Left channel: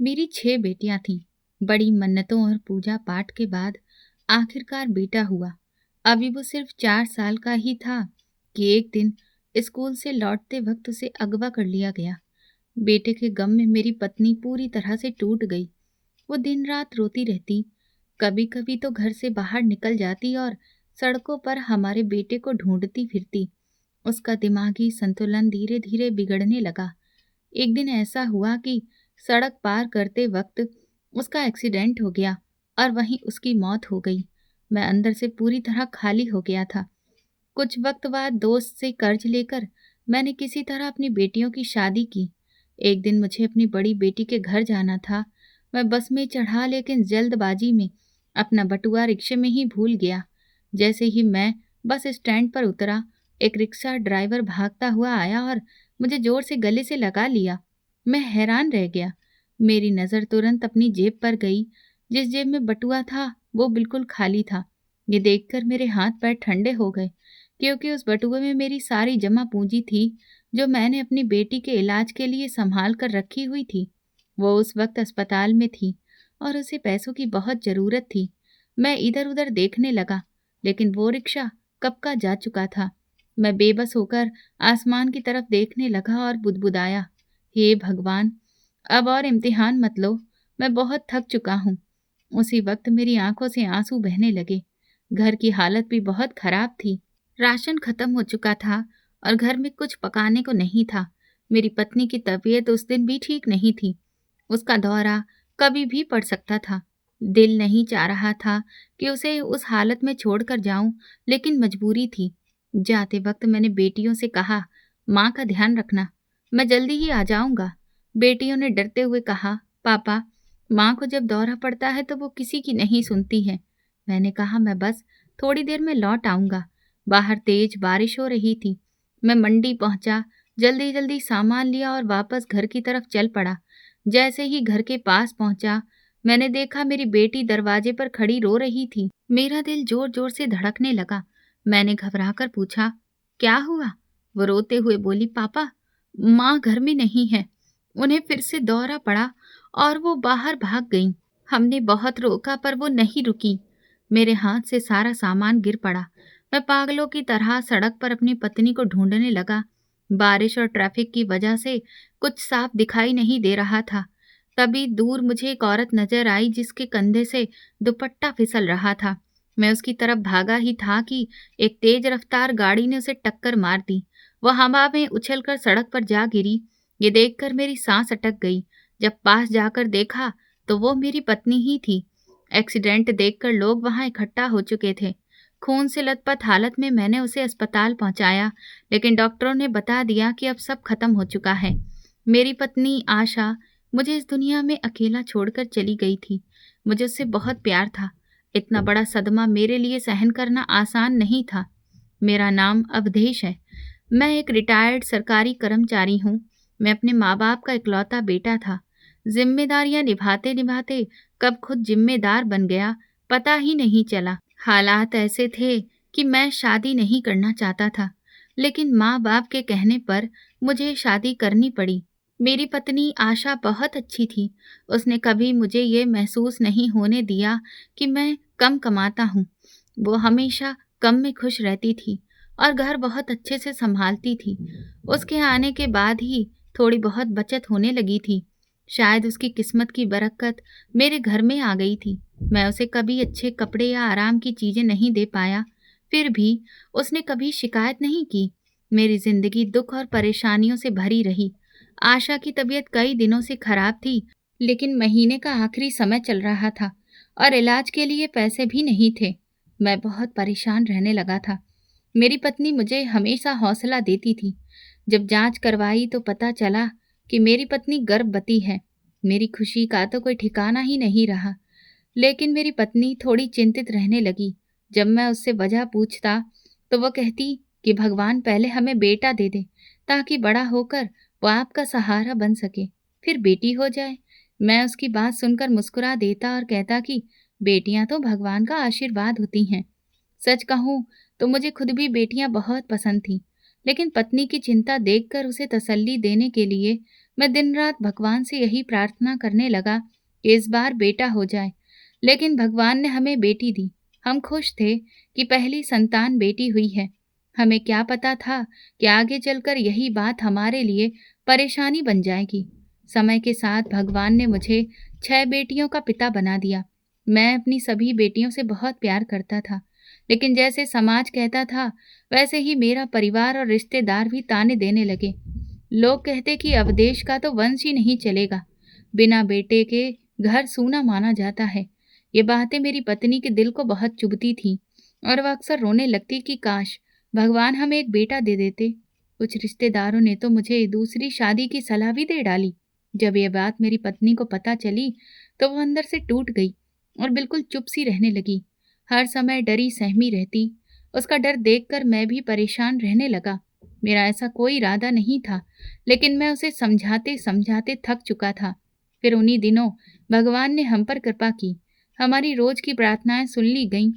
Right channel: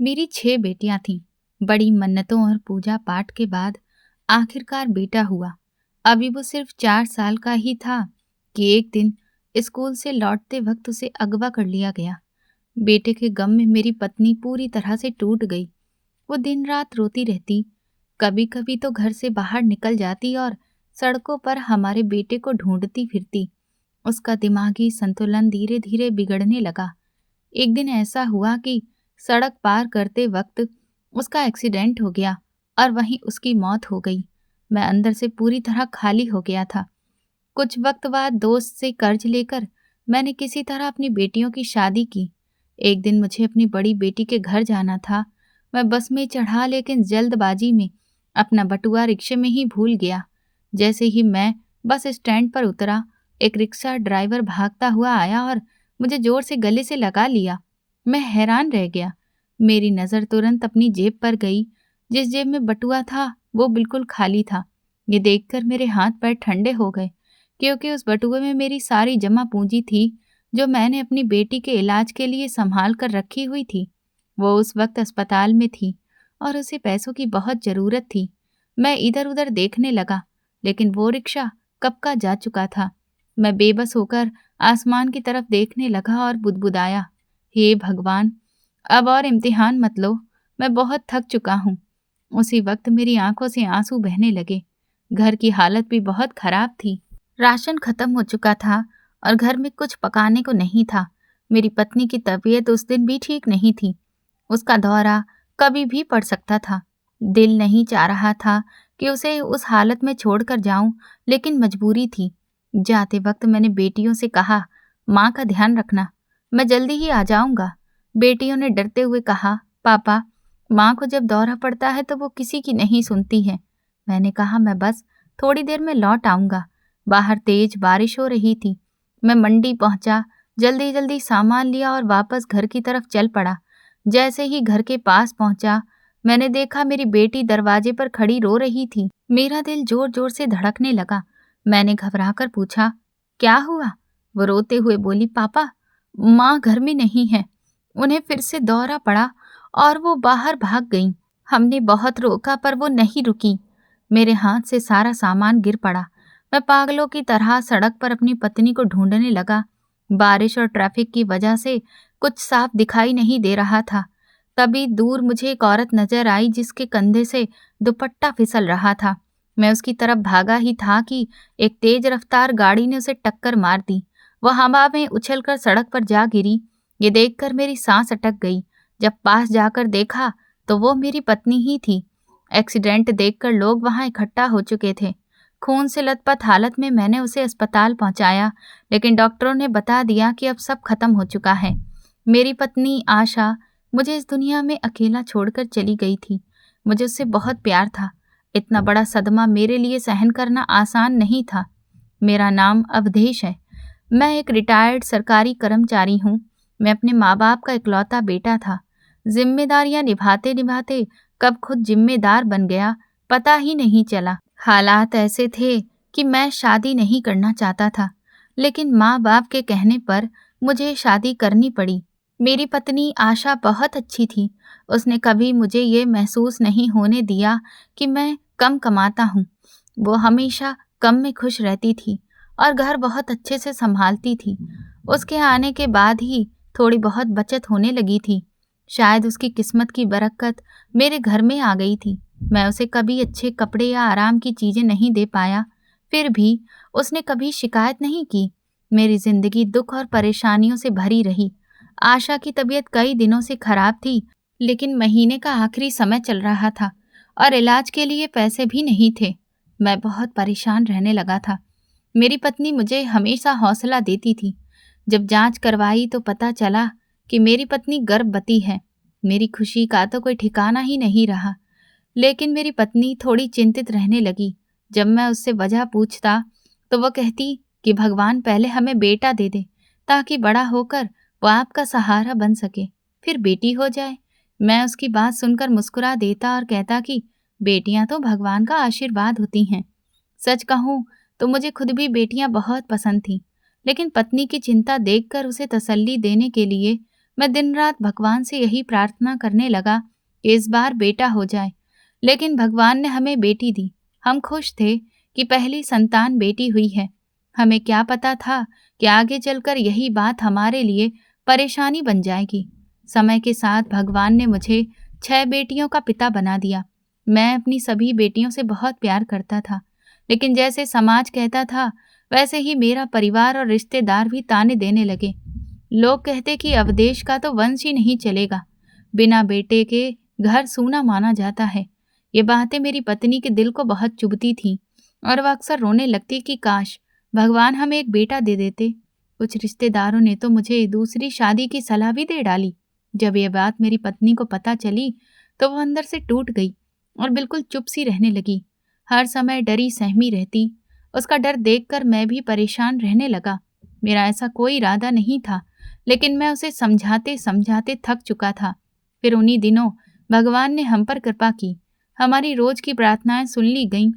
मेरी 6 बेटियां थीं। बड़ी मन्नतों और पूजा पाठ के बाद आखिरकार बेटा हुआ। अभी वो सिर्फ 4 साल का ही था कि एक दिन स्कूल से लौटते वक्त उसे अगवा कर लिया गया। बेटे के गम में मेरी पत्नी पूरी तरह से टूट गई। वो दिन रात रोती रहती, कभी कभी तो घर से बाहर निकल जाती और सड़कों पर हमारे बेटे को ढूंढती फिरती। उसका दिमागी संतुलन धीरे धीरे बिगड़ने लगा। एक दिन ऐसा हुआ कि सड़क पार करते वक्त उसका एक्सीडेंट हो गया और वहीं उसकी मौत हो गई। मैं अंदर से पूरी तरह खाली हो गया था। कुछ वक्त बाद दोस्त से कर्ज लेकर मैंने किसी तरह अपनी बेटियों की शादी की। एक दिन मुझे अपनी बड़ी बेटी के घर जाना था। मैं बस में चढ़ा, लेकिन जल्दबाजी में अपना बटुआ रिक्शे में ही भूल गया। जैसे ही मैं बस स्टैंड पर उतरा, एक रिक्शा ड्राइवर भागता हुआ आया और मुझे जोर से गले से लगा लिया। मैं हैरान रह गया। मेरी नज़र तुरंत अपनी जेब पर गई। जिस जेब में बटुआ था वो बिल्कुल खाली था। ये देखकर मेरे हाथ पैर ठंडे हो गए, क्योंकि उस बटुए में मेरी सारी जमा पूंजी थी जो मैंने अपनी बेटी के इलाज के लिए संभाल कर रखी हुई थी। वो उस वक्त अस्पताल में थी और उसे पैसों की बहुत ज़रूरत थी। मैं इधर उधर देखने लगा, लेकिन वो रिक्शा कब का जा चुका था। मैं बेबस होकर आसमान की तरफ देखने लगा और बुदबुदाया, हे भगवान, अब और इम्तिहान मत लो, मैं बहुत थक चुका हूँ। उसी वक्त मेरी आंखों से आंसू बहने लगे। घर की हालत भी बहुत खराब थी। राशन खत्म हो चुका था और घर में कुछ पकाने को नहीं था। मेरी पत्नी की तबीयत उस दिन भी ठीक नहीं थी। उसका दौरा कभी भी पड़ सकता था। दिल नहीं चाह रहा था कि उसे उस हालत में छोड़कर जाऊं, लेकिन मजबूरी थी। जाते वक्त मैंने बेटियों से कहा, माँ का ध्यान रखना, मैं जल्दी ही आ जाऊंगा। बेटियों ने डरते हुए कहा, पापा, माँ को जब दौरा पड़ता है तो वो किसी की नहीं सुनती है। मैंने कहा, मैं बस थोड़ी देर में लौट आऊंगा। बाहर तेज बारिश हो रही थी। मैं मंडी पहुंचा, जल्दी जल्दी सामान लिया और वापस घर की तरफ चल पड़ा। जैसे ही घर के पास पहुंचा, मैंने देखा मेरी बेटी दरवाजे पर खड़ी रो रही थी। मेरा दिल जोर जोर से धड़कने लगा। मैंने घबराकर पूछा, क्या हुआ? वो रोते हुए बोली, पापा, माँ घर में नहीं है, उन्हें फिर से दौरा पड़ा और वो बाहर भाग गईं। हमने बहुत रोका पर वो नहीं रुकी। मेरे हाथ से सारा सामान गिर पड़ा। मैं पागलों की तरह सड़क पर अपनी पत्नी को ढूंढने लगा। बारिश और ट्रैफिक की वजह से कुछ साफ दिखाई नहीं दे रहा था। तभी दूर मुझे एक औरत नजर आई जिसके कंधे से दुपट्टा फिसल रहा था। मैं उसकी तरफ भागा ही था कि एक तेज रफ्तार गाड़ी ने उसे टक्कर मार दी। वह हवा में उछलकर सड़क पर जा गिरी। ये देखकर मेरी सांस अटक गई। जब पास जाकर देखा तो वो मेरी पत्नी ही थी। एक्सीडेंट देखकर लोग वहां इकट्ठा हो चुके थे। खून से लथपथ हालत में मैंने उसे अस्पताल पहुंचाया, लेकिन डॉक्टरों ने बता दिया कि अब सब खत्म हो चुका है। मेरी पत्नी आशा मुझे इस दुनिया में अकेला छोड़कर चली गई थी। मुझे उससे बहुत प्यार था। इतना बड़ा सदमा मेरे लिए सहन करना आसान नहीं था। मेरा नाम अवधेश है। मैं एक रिटायर्ड सरकारी कर्मचारी हूँ। मैं अपने माँ बाप का इकलौता बेटा था। जिम्मेदारियां निभाते निभाते कब खुद जिम्मेदार बन गया, पता ही नहीं चला। हालात ऐसे थे कि मैं शादी नहीं करना चाहता था, लेकिन माँ बाप के कहने पर मुझे शादी करनी पड़ी। मेरी पत्नी आशा बहुत अच्छी थी। उसने कभी मुझे ये महसूस नहीं होने दिया कि मैं कम कमाता हूँ। वो हमेशा कम में खुश रहती थी और घर बहुत अच्छे से संभालती थी। उसके आने के बाद ही थोड़ी बहुत बचत होने लगी थी। शायद उसकी किस्मत की बरकत मेरे घर में आ गई थी। मैं उसे कभी अच्छे कपड़े या आराम की चीज़ें नहीं दे पाया, फिर भी उसने कभी शिकायत नहीं की। मेरी जिंदगी दुख और परेशानियों से भरी रही। आशा की तबीयत कई दिनों से खराब थी, लेकिन महीने का आखिरी समय चल रहा था और इलाज के लिए पैसे भी नहीं थे। मैं बहुत परेशान रहने लगा था। मेरी पत्नी मुझे हमेशा हौसला देती थी। जब जांच करवाई तो पता चला कि मेरी पत्नी गर्भवती है। मेरी खुशी का तो कोई ठिकाना ही नहीं रहा। लेकिन मेरी पत्नी थोड़ी चिंतित रहने लगी। जब मैं उससे वजह पूछता तो वह कहती कि भगवान पहले हमें बेटा दे दे, ताकि बड़ा होकर वो आपका सहारा बन सके, फिर बेटी हो जाए। मैं उसकी बात सुनकर मुस्कुरा देता और कहता कि बेटियां तो भगवान का आशीर्वाद होती हैं। सच कहूँ तो मुझे खुद भी बेटियां बहुत पसंद थीं, लेकिन पत्नी की चिंता देखकर उसे तसल्ली देने के लिए मैं दिन रात भगवान से यही प्रार्थना करने लगा कि इस बार बेटा हो जाए। लेकिन भगवान ने हमें बेटी दी। हम खुश थे कि पहली संतान बेटी हुई है। हमें क्या पता था कि आगे चलकर यही बात हमारे लिए परेशानी बन जाएगी। समय के साथ भगवान ने मुझे 6 बेटियों का पिता बना दिया। मैं अपनी सभी बेटियों से बहुत प्यार करता था, लेकिन जैसे समाज कहता था वैसे ही मेरा परिवार और रिश्तेदार भी ताने देने लगे। लोग कहते कि अवदेश का तो वंश ही नहीं चलेगा, बिना बेटे के घर सूना माना जाता है। ये बातें मेरी पत्नी के दिल को बहुत चुभती थीं और वह अक्सर रोने लगती कि काश भगवान हमें एक बेटा दे देते। कुछ रिश्तेदारों ने तो मुझे दूसरी शादी की सलाह भी दे डाली। जब यह बात मेरी पत्नी को पता चली तो वो अंदर से टूट गई और बिल्कुल चुप सी रहने लगी। हर समय डरी सहमी रहती। उसका डर देखकर मैं भी परेशान रहने लगा। मेरा ऐसा कोई इरादा नहीं था, लेकिन मैं उसे समझाते समझाते थक चुका था। फिर उन्हीं दिनों भगवान ने हम पर कृपा की। हमारी रोज की प्रार्थनाएं सुन ली गईं।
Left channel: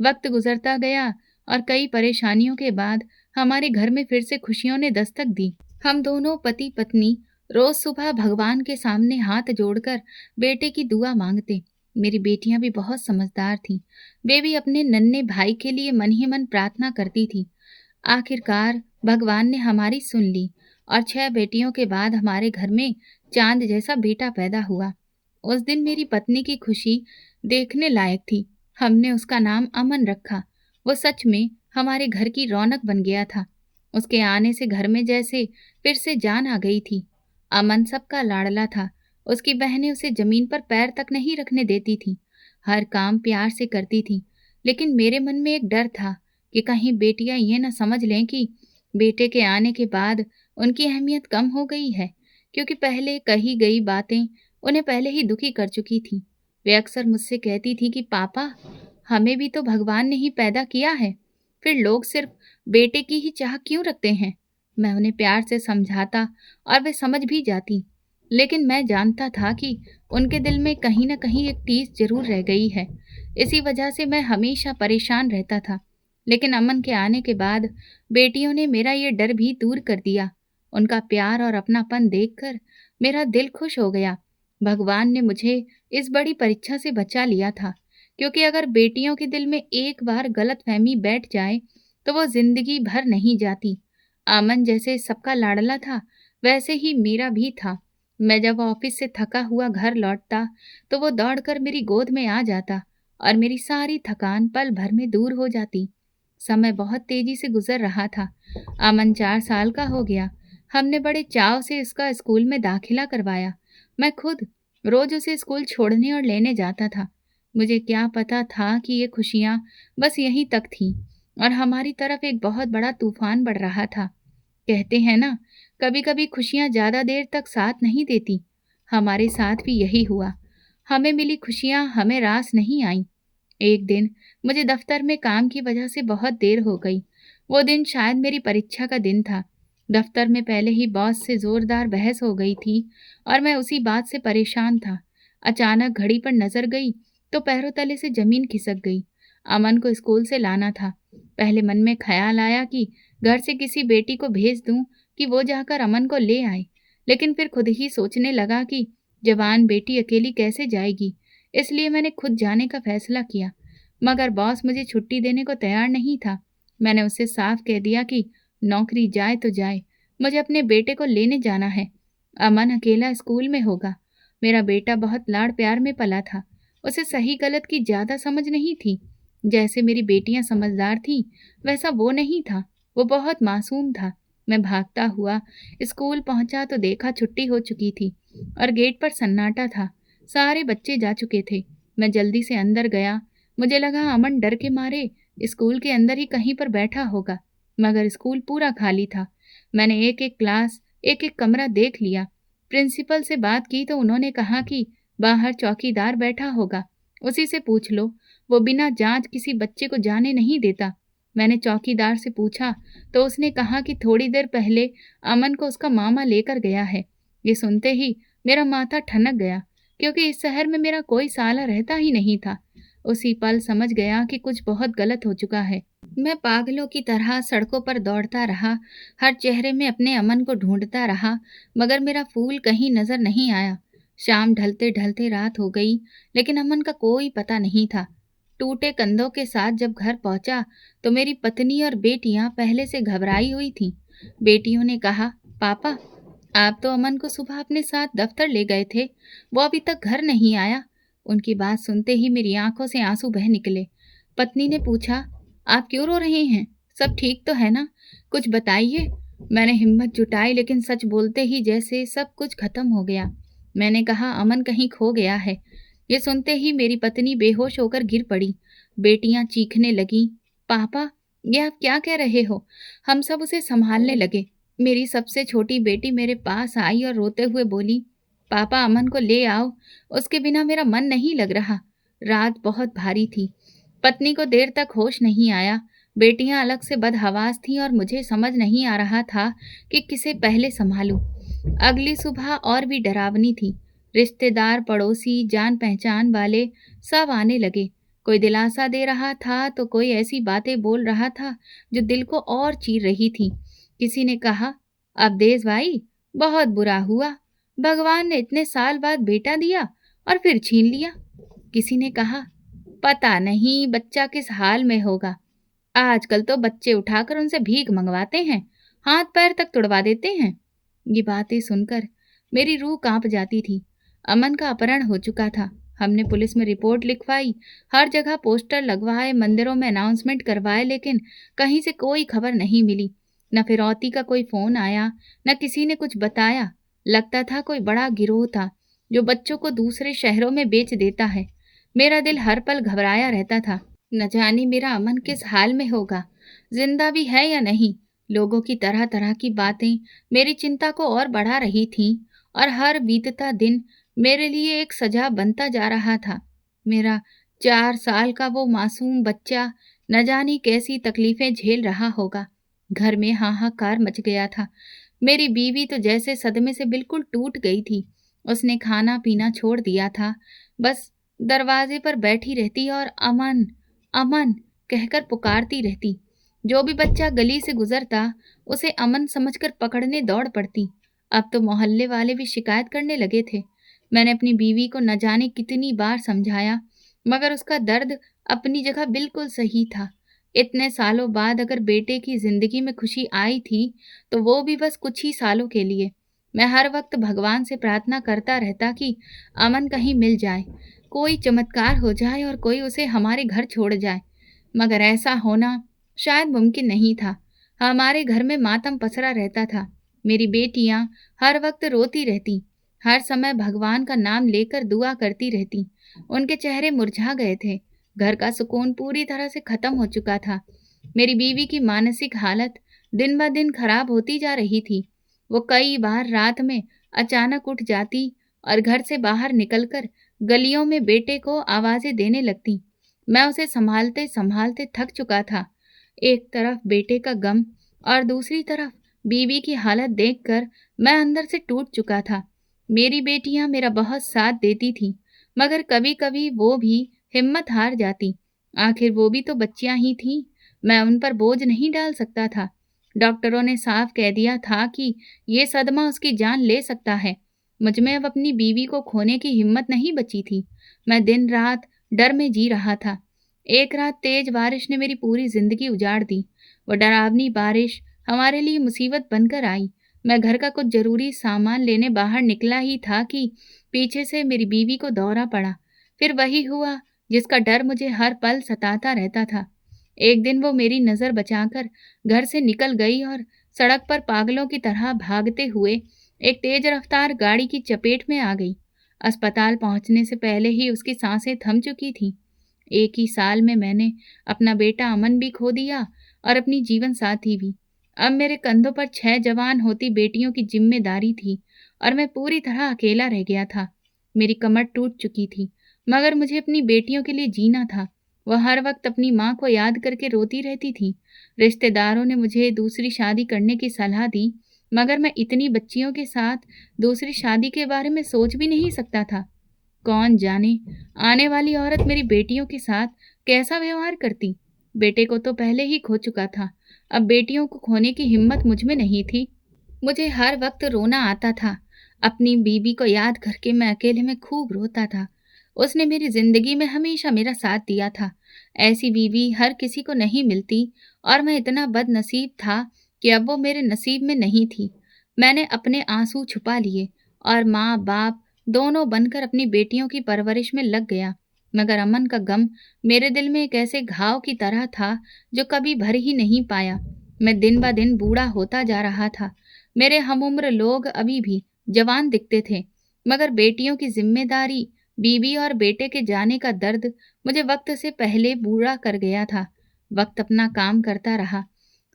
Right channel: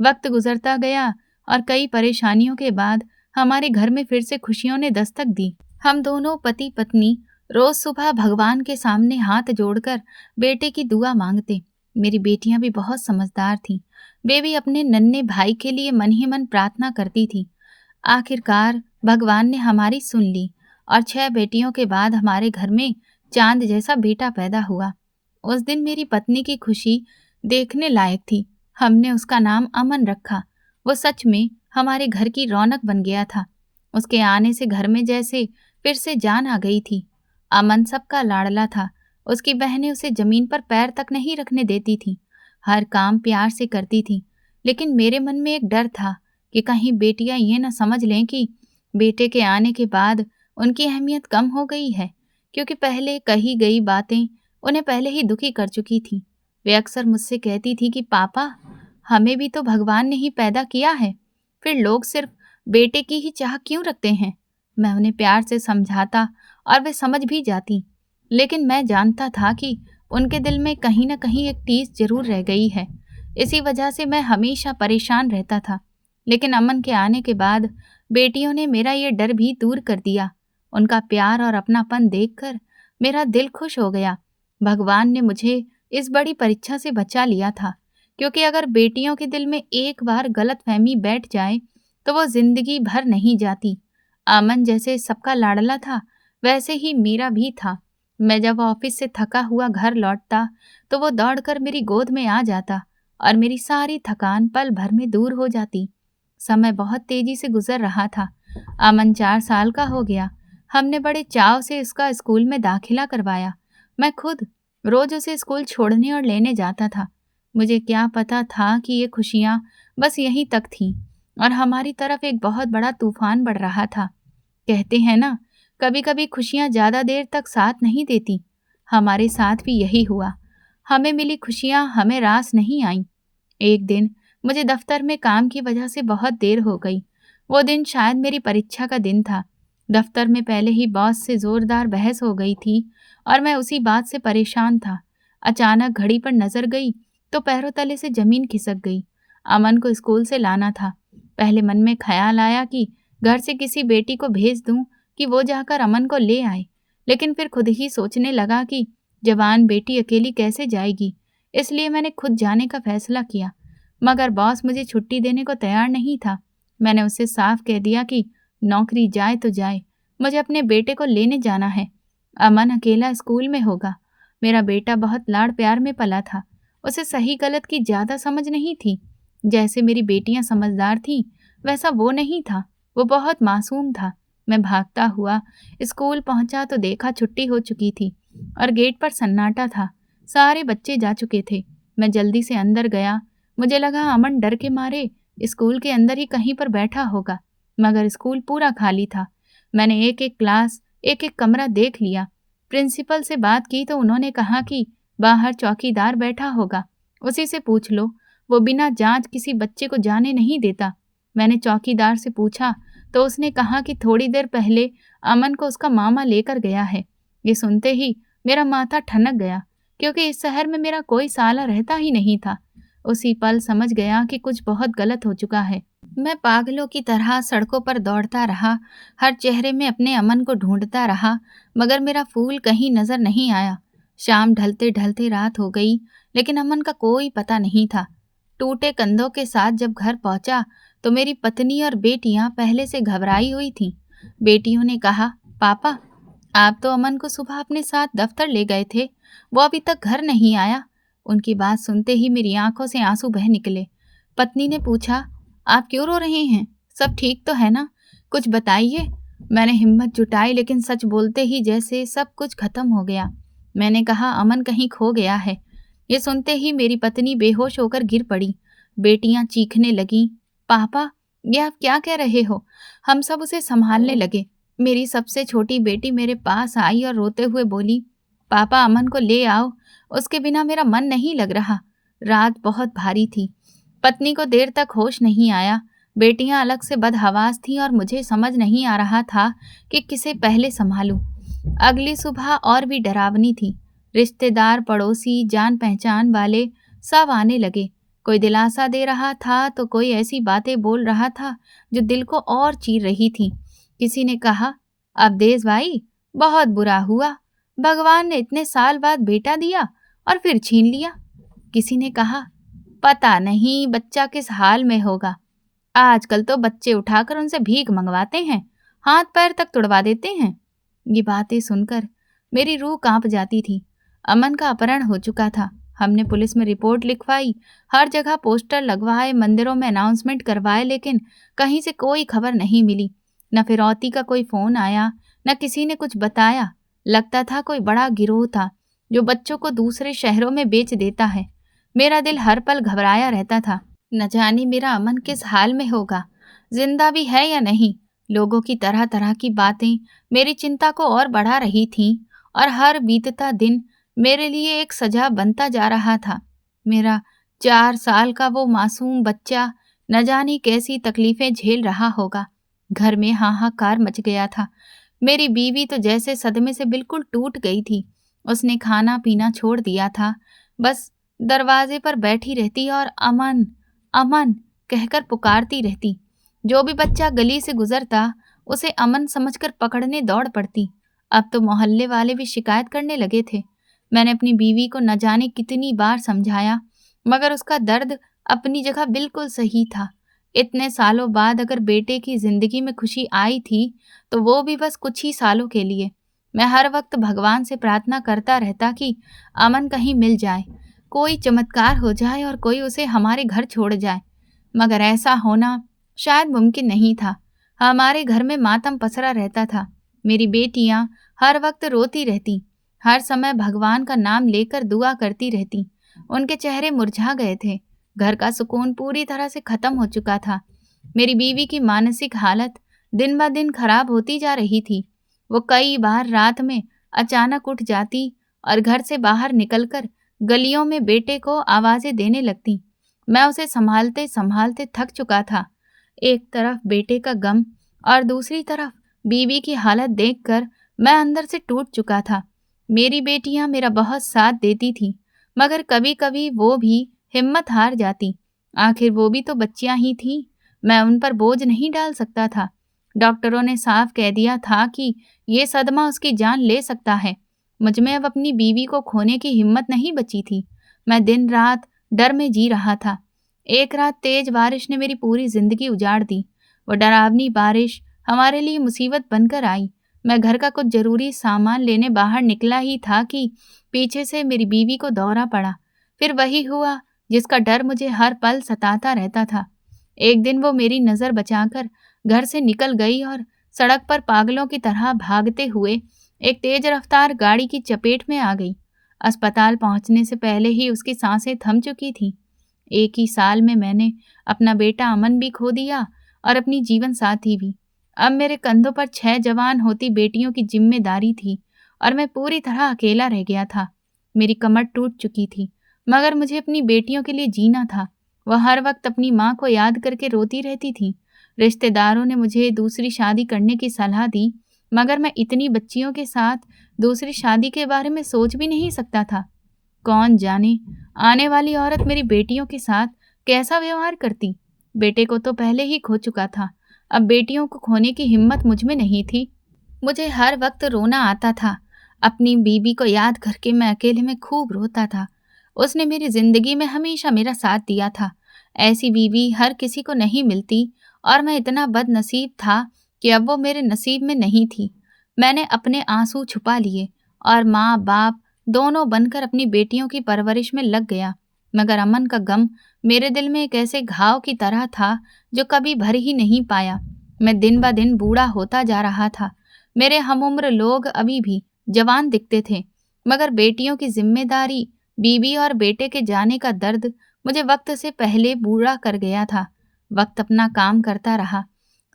वक्त गुजरता गया और कई परेशानियों के बाद हमारे घर में फिर से खुशियों ने दस्तक दी। हम दोनों पति पत्नी रोज सुबह भगवान के सामने हाथ जोड़कर बेटे की दुआ मांगते। मेरी बेटियां भी बहुत समझदार थीं। वे भी अपने नन्हे भाई के लिए मन ही मन प्रार्थना करती थी। आखिरकार भगवान ने हमारी सुन ली और 6 बेटियों के बाद हमारे घर में चांद जैसा बेटा पैदा हुआ। उस दिन मेरी पत्नी की खुशी देखने लायक थी। हमने उसका नाम अमन रखा। वो सच में हमारे घर की रौनक बन गया था। उसके आने से घर में जैसे फिर से जान आ गई थी। अमन सबका लाडला था। उसकी बहनें उसे जमीन पर पैर तक नहीं रखने देती थीं। हर काम प्यार से करती थीं। लेकिन मेरे मन में एक डर था कि कहीं बेटियां ये न समझ लें कि बेटे के आने के बाद उनकी अहमियत कम हो गई है, क्योंकि पहले कही गई बातें उन्हें पहले ही दुखी कर चुकी थी। वे अक्सर मुझसे कहती थी कि पापा, हमें भी तो भगवान ने ही पैदा किया है, फिर लोग सिर्फ बेटे की ही चाह क्यों रखते हैं। मैं उन्हें प्यार से समझाता और वे समझ भी जाती, लेकिन मैं जानता था कि उनके दिल में कहीं न कहीं एक टीस जरूर रह गई है। इसी वजह से मैं हमेशा परेशान रहता था। लेकिन अमन के आने के बाद बेटियों ने मेरा ये डर भी दूर कर दिया। उनका प्यार और अपनापन देखकर मेरा दिल खुश हो गया। भगवान ने मुझे इस बड़ी परीक्षा से बचा लिया था, क्योंकि अगर बेटियों के दिल में एक बार गलतफहमी बैठ जाए तो वो जिंदगी भर नहीं जाती। अमन जैसे सबका लाडला था, वैसे ही मेरा भी था। मैं जब ऑफिस से थका हुआ घर लौटता तो वो दौड़कर मेरी गोद में आ जाता और मेरी सारी थकान पल भर में दूर हो जाती। समय बहुत तेजी से गुजर रहा था। अमन 4 साल का हो गया। हमने बड़े चाव से उसका स्कूल में दाखिला करवाया। मैं खुद रोज उसे स्कूल छोड़ने और लेने जाता था। मुझे क्या पता था कि ये खुशियां बस यहीं तक थीं और हमारी तरफ एक बहुत बड़ा तूफान बढ़ रहा था। कहते हैं ना, कभी कभी खुशियां ज्यादा देर तक साथ नहीं देती। हमारे साथ भी यही हुआ। हमें मिली खुशियां हमें रास नहीं आईं। एक दिन मुझे दफ्तर में काम की वजह से बहुत देर हो गई। वो दिन शायद मेरी परीक्षा का दिन था। दफ्तर में पहले ही बॉस से जोरदार बहस हो गई थी और मैं उसी बात से परेशान था। अचानक घड़ी पर नजर गई तो पैरों तले से जमीन खिसक गई। अमन को स्कूल से लाना था। पहले मन में ख्याल आया कि घर से किसी बेटी को भेज दूं कि वो जाकर अमन को ले आए, लेकिन फिर खुद ही सोचने लगा कि जवान बेटी अकेली कैसे जाएगी। इसलिए मैंने खुद जाने का फैसला किया। मगर बॉस मुझे छुट्टी देने को तैयार नहीं था। मैंने उससे साफ कह दिया कि नौकरी जाए तो जाए, मुझे अपने बेटे को लेने जाना है। अमन अकेला स्कूल में होगा। मेरा बेटा बहुत लाड़ प्यार में पला था। उसे सही गलत की ज्यादा समझ नहीं थी। जैसे मेरी बेटियां समझदार थीं, वैसा वो नहीं था। वो बहुत मासूम था। मैं भागता हुआ स्कूल पहुंचा तो देखा छुट्टी हो चुकी थी और गेट पर सन्नाटा था। सारे बच्चे जा चुके थे। मैं जल्दी से अंदर गया। मुझे लगा अमन डर के मारे स्कूल के अंदर ही कहीं पर बैठा होगा, मगर स्कूल पूरा खाली था। मैंने एक एक क्लास, एक एक कमरा देख लिया। प्रिंसिपल से बात की तो उन्होंने कहा कि बाहर चौकीदार बैठा होगा, उसी से पूछ लो, वो बिना जांच किसी बच्चे को जाने नहीं देता। मैंने चौकीदार से पूछा तो उसने कहा कि थोड़ी देर पहले अमन को उसका मामा लेकर गया है। ये सुनते ही मेरा माथा ठनक गया, क्योंकि इस शहर में मेरा कोई साला रहता ही नहीं था। उसी पल समझ गया कि कुछ बहुत गलत हो चुका है। मैं पागलों की तरह सड़कों पर दौड़ता रहा, हर चेहरे में अपने अमन को ढूंढता रहा, मगर मेरा फूल कहीं नजर नहीं आया। शाम ढलते ढलते रात हो गई, लेकिन अमन का कोई पता नहीं था। टूटे कंधों के साथ जब घर पहुंचा तो मेरी पत्नी और बेटियां पहले से घबराई हुई थीं। बेटियों ने कहा, पापा, आप तो अमन को सुबह अपने साथ दफ्तर ले गए थे, वो अभी तक घर नहीं आया। उनकी बात सुनते ही मेरी आंखों से आंसू बह निकले। पत्नी ने पूछा, आप क्यों रो रही हैं? सब ठीक तो है ना? कुछ बताइए। मैंने हिम्मत जुटाई, लेकिन सच बोलते ही जैसे सब कुछ खत्म हो गया। मैंने कहा, अमन कहीं खो गया है। ये सुनते ही मेरी पत्नी बेहोश होकर गिर पड़ी। बेटियां चीखने लगीं, पापा, ये आप क्या कह रहे हो? हम सब उसे संभालने लगे। मेरी सबसे छोटी बेटी मेरे पास आई और रोते हुए बोली, पापा, अमन को ले आओ, उसके बिना मेरा मन नहीं लग रहा। रात बहुत भारी थी। पत्नी को देर तक होश नहीं आया। बेटियां अलग से बदहवास थीं और मुझे समझ नहीं आ रहा था कि किसे पहले संभालूं। अगली सुबह और भी डरावनी थी। रिश्तेदार, पड़ोसी, जान पहचान वाले सब आने लगे। कोई दिलासा दे रहा था तो कोई ऐसी बातें बोल रहा था जो दिल को और चीर रही थी। किसी ने कहा, अब देश भाई, बहुत बुरा हुआ, भगवान ने इतने साल बाद बेटा दिया और फिर छीन लिया। किसी ने कहा, पता नहीं बच्चा किस हाल में होगा, आजकल तो बच्चे उठाकर उनसे भीख मंगवाते हैं, हाथ पैर तक तुड़वा देते हैं। ये बातें सुनकर मेरी रूह कांप जाती थी। अमन का अपहरण हो चुका था। हमने पुलिस में रिपोर्ट लिखवाई, हर जगह पोस्टर लगवाए, मंदिरों में अनाउंसमेंट करवाए, लेकिन कहीं से कोई खबर नहीं मिली। न फिरौती का कोई फोन आया, न किसी ने कुछ बताया। लगता था कोई बड़ा गिरोह था जो बच्चों को दूसरे शहरों में बेच देता है। मेरा दिल हर पल घबराया रहता था। न जाने मेरा अमन किस हाल में होगा, जिंदा भी है या नहीं। लोगों की तरह तरह की बातें मेरी चिंता को और बढ़ा रही थीं, और हर बीतता दिन मेरे लिए एक सजा बनता जा रहा था। मेरा 4 साल का वो मासूम बच्चा न जाने कैसी तकलीफें झेल रहा होगा। घर में हाहाकार मच गया था। मेरी बीवी तो जैसे सदमे से बिल्कुल टूट गई थी। उसने खाना पीना छोड़ दिया था, बस दरवाजे पर बैठी रहती और अमन अमन कहकर पुकारती रहती। जो भी बच्चा गली से गुजरता उसे अमन समझकर पकड़ने दौड़ पड़ती। अब तो मोहल्ले वाले भी शिकायत करने लगे थे। मैंने अपनी बीवी को न जाने कितनी बार समझाया, मगर उसका दर्द अपनी जगह बिल्कुल सही था। इतने सालों बाद अगर बेटे की जिंदगी में खुशी आई थी तो वो भी बस कुछ ही सालों के लिए। मैं हर वक्त भगवान से प्रार्थना करता रहता कि अमन कहीं मिल जाए, कोई चमत्कार हो जाए और कोई उसे हमारे घर छोड़ जाए। मगर ऐसा होना शायद मुमकिन नहीं था। हमारे घर में मातम पसरा रहता था। मेरी बेटियां हर वक्त रोती रहती, हर समय भगवान का नाम लेकर दुआ करती रहती। उनके चेहरे मुरझा गए थे। घर का सुकून पूरी तरह से खत्म हो चुका था। मेरी बीवी की मानसिक हालत दिन ब दिन खराब होती जा रही थी। वो कई बार रात में अचानक उठ जाती और घर से बाहर निकलकर गलियों में बेटे को आवाजें देने लगती। मैं उसे संभालते संभालते थक चुका था। एक तरफ बेटे का गम और दूसरी तरफ बीवी की हालत देखकर मैं अंदर से टूट चुका था। मेरी बेटियां मेरा बहुत साथ देती थीं, मगर कभी कभी वो भी हिम्मत हार जाती। आखिर वो भी तो बच्चियां ही थीं। मैं उन पर बोझ नहीं डाल सकता था। डॉक्टरों ने साफ कह दिया था कि ये सदमा उसकी जान ले सकता है। मुझ में अब अपनी बीवी को खोने की हिम्मत नहीं बची थी। मैं दिन रात डर में जी रहा था। एक रात तेज बारिश ने मेरी पूरी जिंदगी उजाड़ दी। वो डरावनी बारिश हमारे लिए मुसीबत बनकर आई। मैं घर का कुछ जरूरी सामान लेने बाहर निकला ही था कि पीछे से मेरी बीवी को दौरा पड़ा। फिर वही हुआ जिसका डर मुझे हर पल सताता रहता था। एक दिन वो मेरी नज़र बचाकर घर से निकल गई और सड़क पर पागलों की तरह भागते हुए एक तेज रफ्तार गाड़ी की चपेट में आ गई। अस्पताल पहुंचने से पहले ही उसकी सांसें थम चुकी थीं। एक ही साल में मैंने अपना बेटा अमन भी खो दिया और अपनी जीवन साथी भी। अब मेरे कंधों पर 6 जवान होती बेटियों की जिम्मेदारी थी और मैं पूरी तरह अकेला रह गया था। मेरी कमर टूट चुकी थी, मगर मुझे अपनी बेटियों के लिए जीना था। वह हर वक्त अपनी माँ को याद करके रोती रहती थी। रिश्तेदारों ने मुझे दूसरी शादी करने की सलाह दी, मगर मैं इतनी बच्चियों के साथ दूसरी शादी के बारे में सोच भी नहीं सकता था। कौन जाने आने वाली औरत मेरी बेटियों के साथ कैसा व्यवहार करती। बेटे को तो पहले ही खो चुका था, अब बेटियों को खोने की हिम्मत मुझ में नहीं थी। मुझे हर वक्त रोना आता था। अपनी बीबी को याद करके मैं अकेले में खूब रोता था। उसने मेरी जिंदगी में हमेशा मेरा साथ दिया था। ऐसी बीवी हर किसी को नहीं मिलती और मैं इतना बदनसीब था कि अब वो मेरे नसीब में नहीं थी। मैंने अपने आंसू छुपा लिए और माँ बाप दोनों बनकर अपनी बेटियों की परवरिश में लग गया। मगर अमन का गम मेरे दिल में एक ऐसे घाव की तरह था जो कभी भर ही नहीं पाया। मैं दिन ब दिन बूढ़ा होता जा रहा था। मेरे हमउम्र लोग अभी भी जवान दिखते थे, मगर बेटियों की जिम्मेदारी, बीवी और बेटे के जाने का दर्द मुझे वक्त से पहले बूढ़ा कर गया था। वक्त अपना काम करता रहा।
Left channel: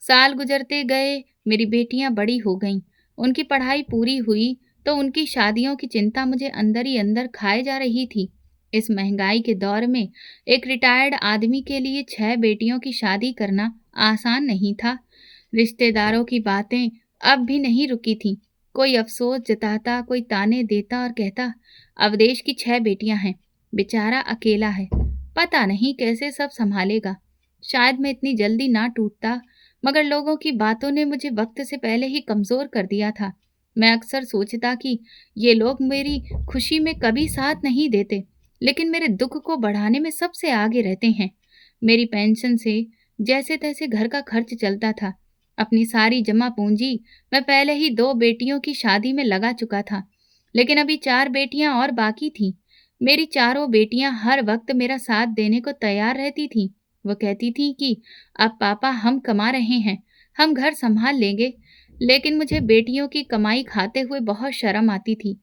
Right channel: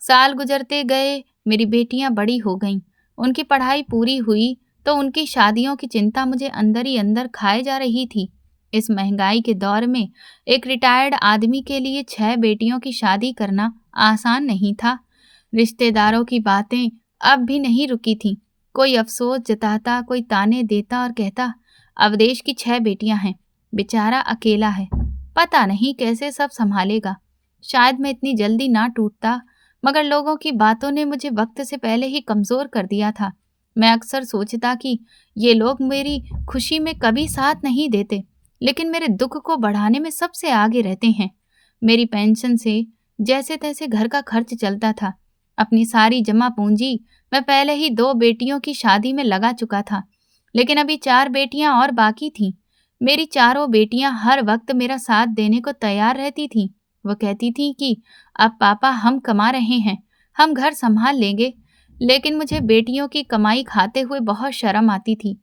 साल गुजरते गए, मेरी बेटियां बड़ी हो गईं। उनकी पढ़ाई पूरी हुई तो उनकी शादियों की चिंता मुझे अंदर ही अंदर खाए जा रही थी। इस महंगाई के दौर में एक रिटायर्ड आदमी के लिए 6 बेटियों की शादी करना आसान नहीं था। रिश्तेदारों की बातें अब भी नहीं रुकी थीं। कोई अफसोस जताता, कोई ताने देता और कहता, अवदेश की 6 बेटियां हैं, बेचारा अकेला है, पता नहीं कैसे सब संभालेगा। शायद मैं इतनी जल्दी ना टूटता, मगर लोगों की बातों ने मुझे वक्त से पहले ही कमज़ोर कर दिया था। मैं अक्सर सोचता कि ये लोग मेरी खुशी में कभी साथ नहीं देते, लेकिन मेरे दुख को बढ़ाने में सबसे आगे रहते हैं। मेरी पेंशन से जैसे तैसे घर का खर्च चलता था। अपनी सारी जमा पूंजी मैं पहले ही 2 बेटियों की शादी में लगा चुका था, लेकिन अभी 4 बेटियां और बाकी थीं। मेरी चारों बेटियां हर वक्त मेरा साथ देने को तैयार रहती थीं। वो कहती थीं कि अब पापा हम कमा रहे हैं, हम घर संभाल लेंगे, लेकिन मुझे बेटियों की कमाई खाते हुए बहुत शर्म आती थी।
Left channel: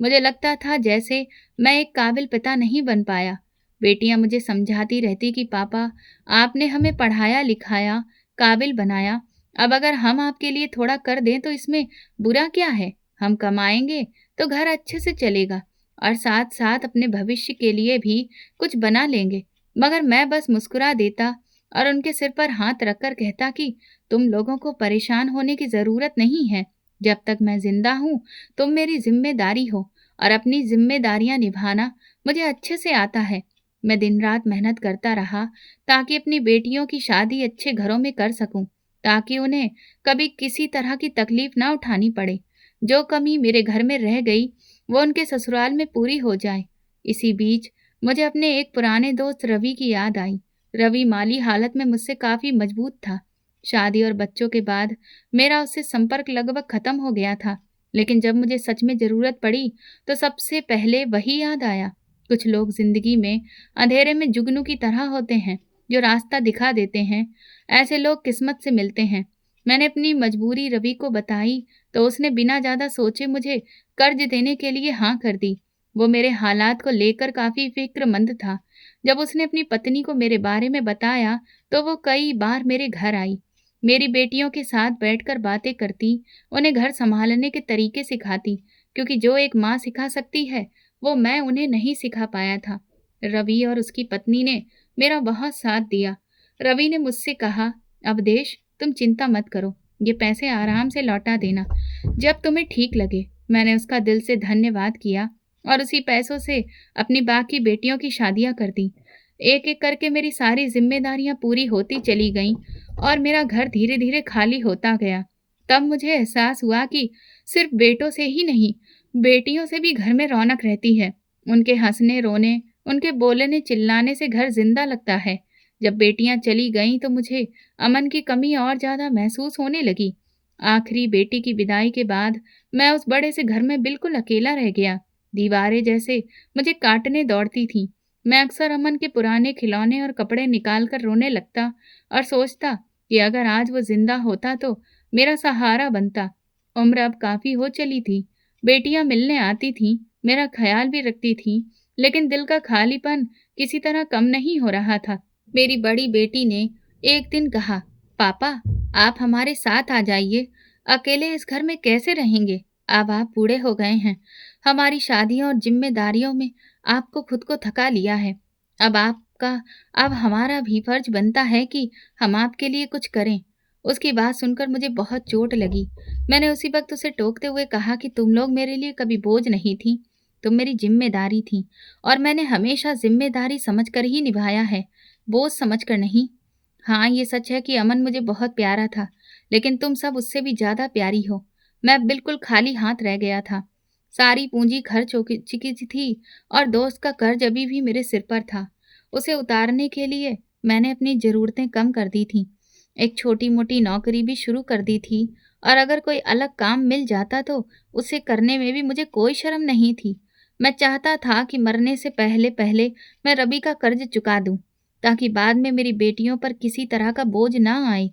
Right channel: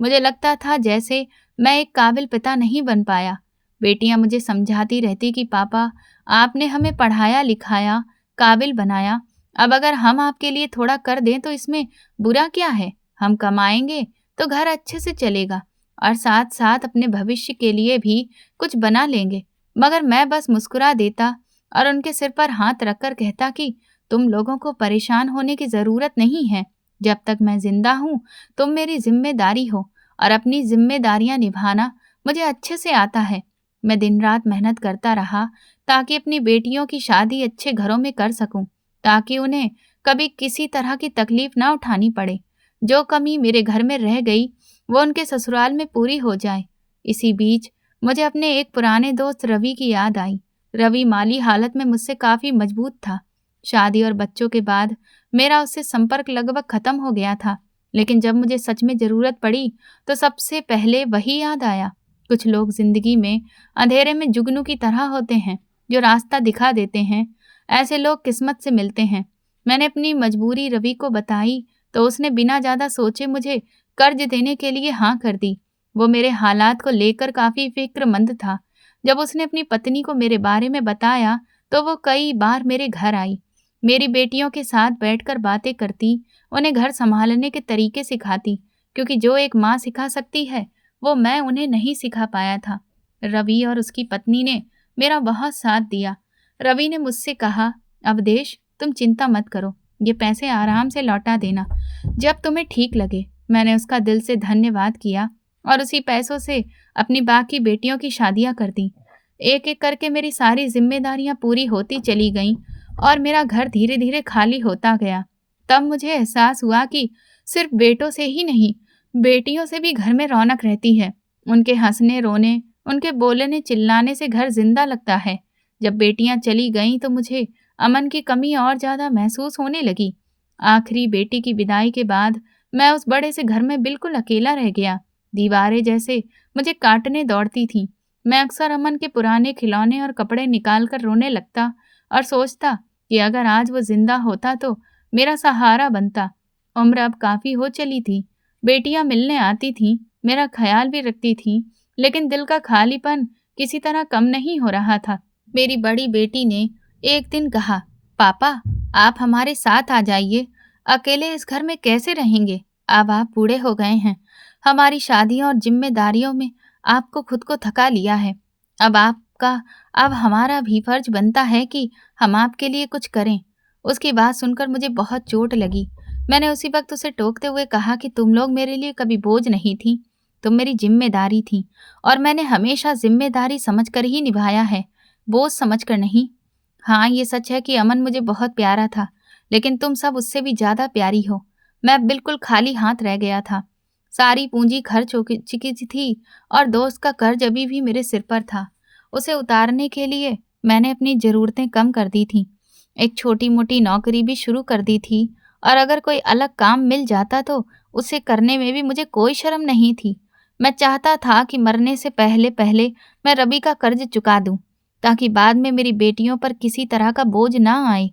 मुझे लगता था जैसे मैं एक काबिल पिता नहीं बन पाया। बेटियां मुझे समझाती रहती कि पापा, आपने हमें पढ़ाया लिखाया, काबिल बनाया, अब अगर हम आपके लिए थोड़ा कर दें तो इसमें बुरा क्या है? हम कमाएंगे तो घर अच्छे से चलेगा और साथ साथ अपने भविष्य के लिए भी कुछ बना लेंगे। मगर मैं बस मुस्कुरा देता और उनके सिर पर हाथ रखकर कहता कि तुम लोगों को परेशान होने की ज़रूरत नहीं है। जब तक मैं जिंदा हूँ तुम मेरी जिम्मेदारी हो और अपनी जिम्मेदारियां निभाना मुझे अच्छे से आता है। मैं दिन रात मेहनत करता रहा ताकि अपनी बेटियों की शादी अच्छे घरों में कर सकूं, ताकि उन्हें कभी किसी तरह की तकलीफ ना उठानी पड़े। जो कमी मेरे घर में रह गई वो उनके ससुराल में पूरी हो जाए। इसी बीच मुझे अपने एक पुराने दोस्त रवि की याद आई। रवि माली हालत में मुझसे काफ़ी मजबूत था। शादी और बच्चों के बाद मेरा उससे संपर्क लगभग खत्म हो गया था, लेकिन जब मुझे सच में ज़रूरत पड़ी तो सबसे पहले वही याद आया। कुछ लोग ज़िंदगी में अंधेरे में जुगनू की तरह होते हैं, जो रास्ता दिखा देते हैं। ऐसे लोग किस्मत से मिलते हैं। मैंने अपनी मजबूरी रवि को बताई तो उसने बिना ज़्यादा सोचे मुझे कर्ज देने के लिए हाँ कर दी। वो मेरे हालात को लेकर काफ़ी फिक्रमंद था। जब उसने अपनी पत्नी को मेरे बारे में बताया तो वो कई बार मेरे घर आई, मेरी बेटियों के साथ बैठकर बातें करती, उन्हें घर संभालने के तरीके सिखाती, क्योंकि जो एक माँ सिखा सकती है वो मैं उन्हें नहीं सिखा पाया था। रवि और उसकी पत्नी ने मेरा बहुत साथ दिया। रवि ने मुझसे कहा, अवदेश तुम चिंता मत करो, ये पैसे आराम से लौटा देना जब तुम्हें ठीक लगे। मैंने उसका दिल से धन्यवाद किया और उसी पैसों से अपनी बाकी बेटियों की शादियां कर दी। एक एक करके मेरी सारी जिम्मेदारियां पूरी होती चली गईं और मेरा घर धीरे धीरे खाली होता गया। तब मुझे एहसास हुआ कि सिर्फ बेटों से ही नहीं, बेटियों से भी घर में रौनक रहती है। उनके हंसने रोने, उनके बोलने चिल्लाने से घर जिंदा लगता है। जब बेटियां चली गईं तो मुझे अमन की कमी और ज़्यादा महसूस होने लगी। आखिरी बेटी की विदाई के बाद मैं उस बड़े से घर में बिल्कुल अकेला रह गया। दीवारें जैसे मुझे काटने दौड़ती थीं। मैं अक्सर अमन के पुराने खिलौने और कपड़े निकाल कर रोने लगता और सोचता कि अगर आज वो जिंदा होता तो मेरा सहारा बनता। उम्र अब काफ़ी हो चली थी। बेटियां मिलने आती थीं, मेरा ख्याल भी रखती थीं, लेकिन दिल का खालीपन किसी तरह कम नहीं हो रहा था। मेरी बड़ी बेटी ने एक दिन कहा, पापा आप हमारे साथ आ जाइए, अकेले इस घर में कैसे रहेंगे? अब आप बूढ़े हो गए हैं, हमारी शादियों और जिम्मेदारियों में आपको खुद को थका लिया है। अब हमारा भी फर्ज बनता है कि हम आपके लिए कुछ करें। उसकी बात सुनकर मुझे बहुत चोट लगी। मैंने उसी वक्त उसे टोकते हुए कहा कि तुम लोग मेरे लिए कभी बोझ नहीं थी, तुम मेरी जिम्मेदारी थी और मैंने हमेशा जिम्मेदारी समझकर ही निभाया है, बोझ समझकर नहीं। हाँ, ये सच है कि अमन मुझे बहुत प्यारा था, लेकिन तुम सब उससे भी ज़्यादा प्यारी हो। मैं बिल्कुल खाली हाथ रह गया था। सारी पूँजी खर्च हो चुकी थी और दोस्त का कर्ज अभी भी मेरे सिर पर था। उसे उतारने के लिए मैंने अपनी ज़रूरतें कम कर दी थीं। एक छोटी-मोटी नौकरी भी शुरू कर दी थी और अगर कोई अलग काम मिल जाता तो उसे करने में भी मुझे कोई शर्म नहीं थी। मैं चाहता था कि मरने से पहले-पहले मैं रवि का कर्ज चुका दूँ, ताकि बाद में मेरी बेटियों पर किसी तरह का बोझ ना आए।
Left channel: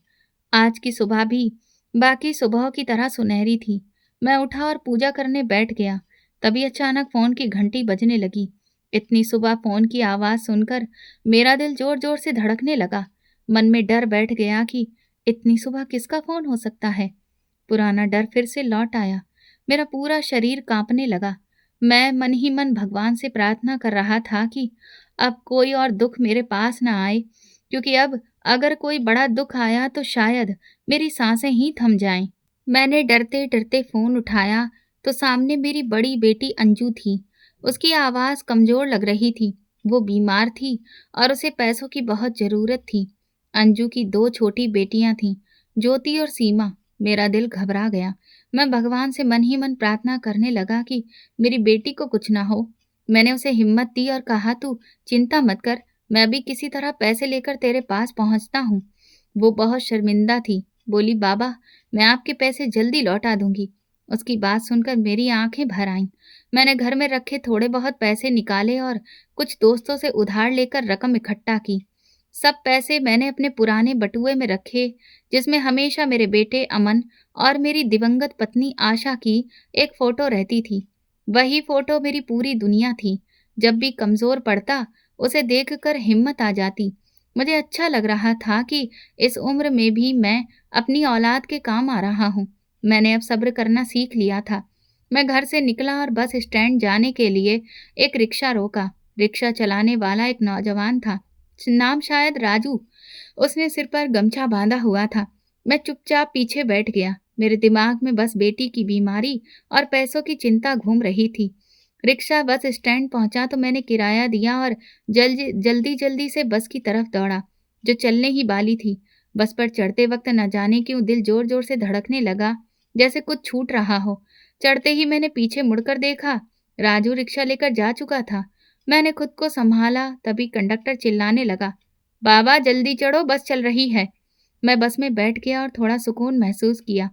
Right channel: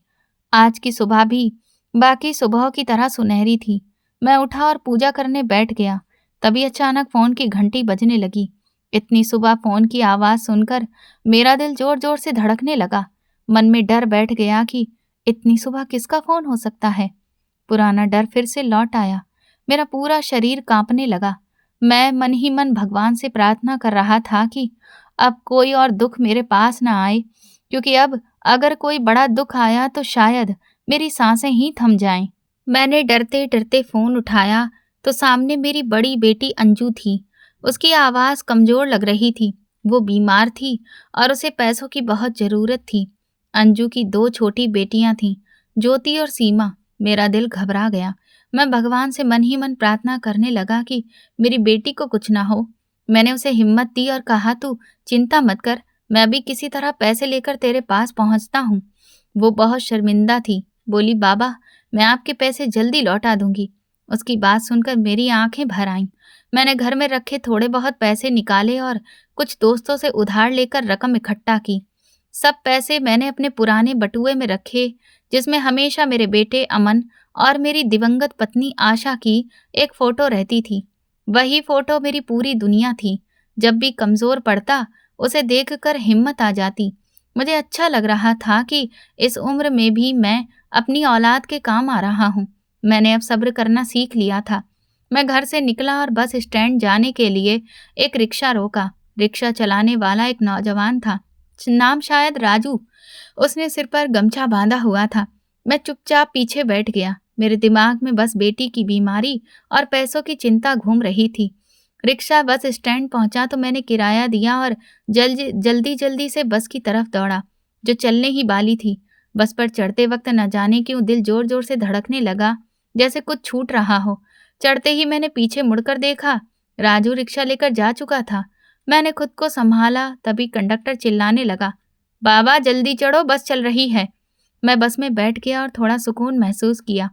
आज की सुबह भी बाकी सुबह की तरह सुनहरी थी। मैं उठा और पूजा करने बैठ गया। तभी अचानक फ़ोन की घंटी बजने लगी। इतनी सुबह फ़ोन की आवाज़ सुनकर मेरा दिल ज़ोर-ज़ोर से धड़कने लगा। मन में डर बैठ गया कि इतनी सुबह किसका फ़ोन हो सकता है? पुराना डर फिर से लौट आया। मेरा पूरा शरीर काँपने लगा। मैं मन ही मन भगवान से प्रार्थना कर रहा था कि अब कोई और दुःख मेरे पास ना आए, क्योंकि अब अगर कोई बड़ा दुःख आया तो शायद मेरी सांसें ही थम जाएँ। मैंने डरते-डरते फ़ोन उठाया तो सामने मेरी बड़ी बेटी अंजू थी। उसकी आवाज़ कमज़ोर लग रही थी। वो बीमार थी और उसे पैसों की बहुत ज़रूरत थी। अंजू की 2 छोटी बेटियां थीं, ज्योति और सीमा। मेरा दिल घबरा गया। मैं भगवान से मन ही मन प्रार्थना करने लगा कि मेरी बेटी को कुछ ना हो। मैंने उसे हिम्मत दी और कहा, तू चिंता मत कर, मैं अभी किसी तरह पैसे लेकर तेरे पास पहुंचता हूँ। वो बहुत शर्मिंदा थी। बोली, बाबा, मैं आपके पैसे जल्दी लौटा दूंगी। उसकी बात सुनकर मेरी आंखें भर आईं। मैंने घर में रखे थोड़े बहुत पैसे निकाले और कुछ दोस्तों से उधार लेकर रकम इकट्ठा की। सब पैसे मैंने अपने पुराने बटुए में रखे, जिसमें हमेशा मेरे बेटे अमन और मेरी दिवंगत पत्नी आशा की एक फ़ोटो रहती थी। वही फ़ोटो मेरी पूरी दुनिया थी। जब भी कमज़ोर पड़ता, उसे देखकर हिम्मत आ जाती। मुझे अच्छा लग रहा था कि इस उम्र में भी मैं अपनी औलाद के काम आ रहा हूँ। मैंने अब सब्र करना सीख लिया था। मैं घर से निकला और बस स्टैंड जाने के लिए एक रिक्शा रोका। रिक्शा चलाने वाला एक नौजवान था, नाम शायद राजू। उसने सिर पर गमछा बांधा हुआ था। मैं चुपचाप पीछे बैठ गया। मेरे दिमाग में बस बेटी की बीमारी और पैसों की चिंता घूम रही थी। रिक्शा बस स्टैंड पहुंचा तो मैंने किराया दिया और जल्दी जल्दी से बस की तरफ दौड़ा, जो चलने ही वाली थी। बस पर चढ़ते वक्त न जाने क्यों दिल जोर जोर से धड़कने लगा, जैसे कुछ छूट रहा हो। चढ़ते ही मैंने पीछे मुड़कर देखा, राजू रिक्शा लेकर जा चुका था। मैंने खुद को संभाला, तभी कंडक्टर चिल्लाने लगा, बाबा जल्दी चढ़ो, बस चल रही है। मैं बस में बैठ गया और थोड़ा सुकून महसूस किया।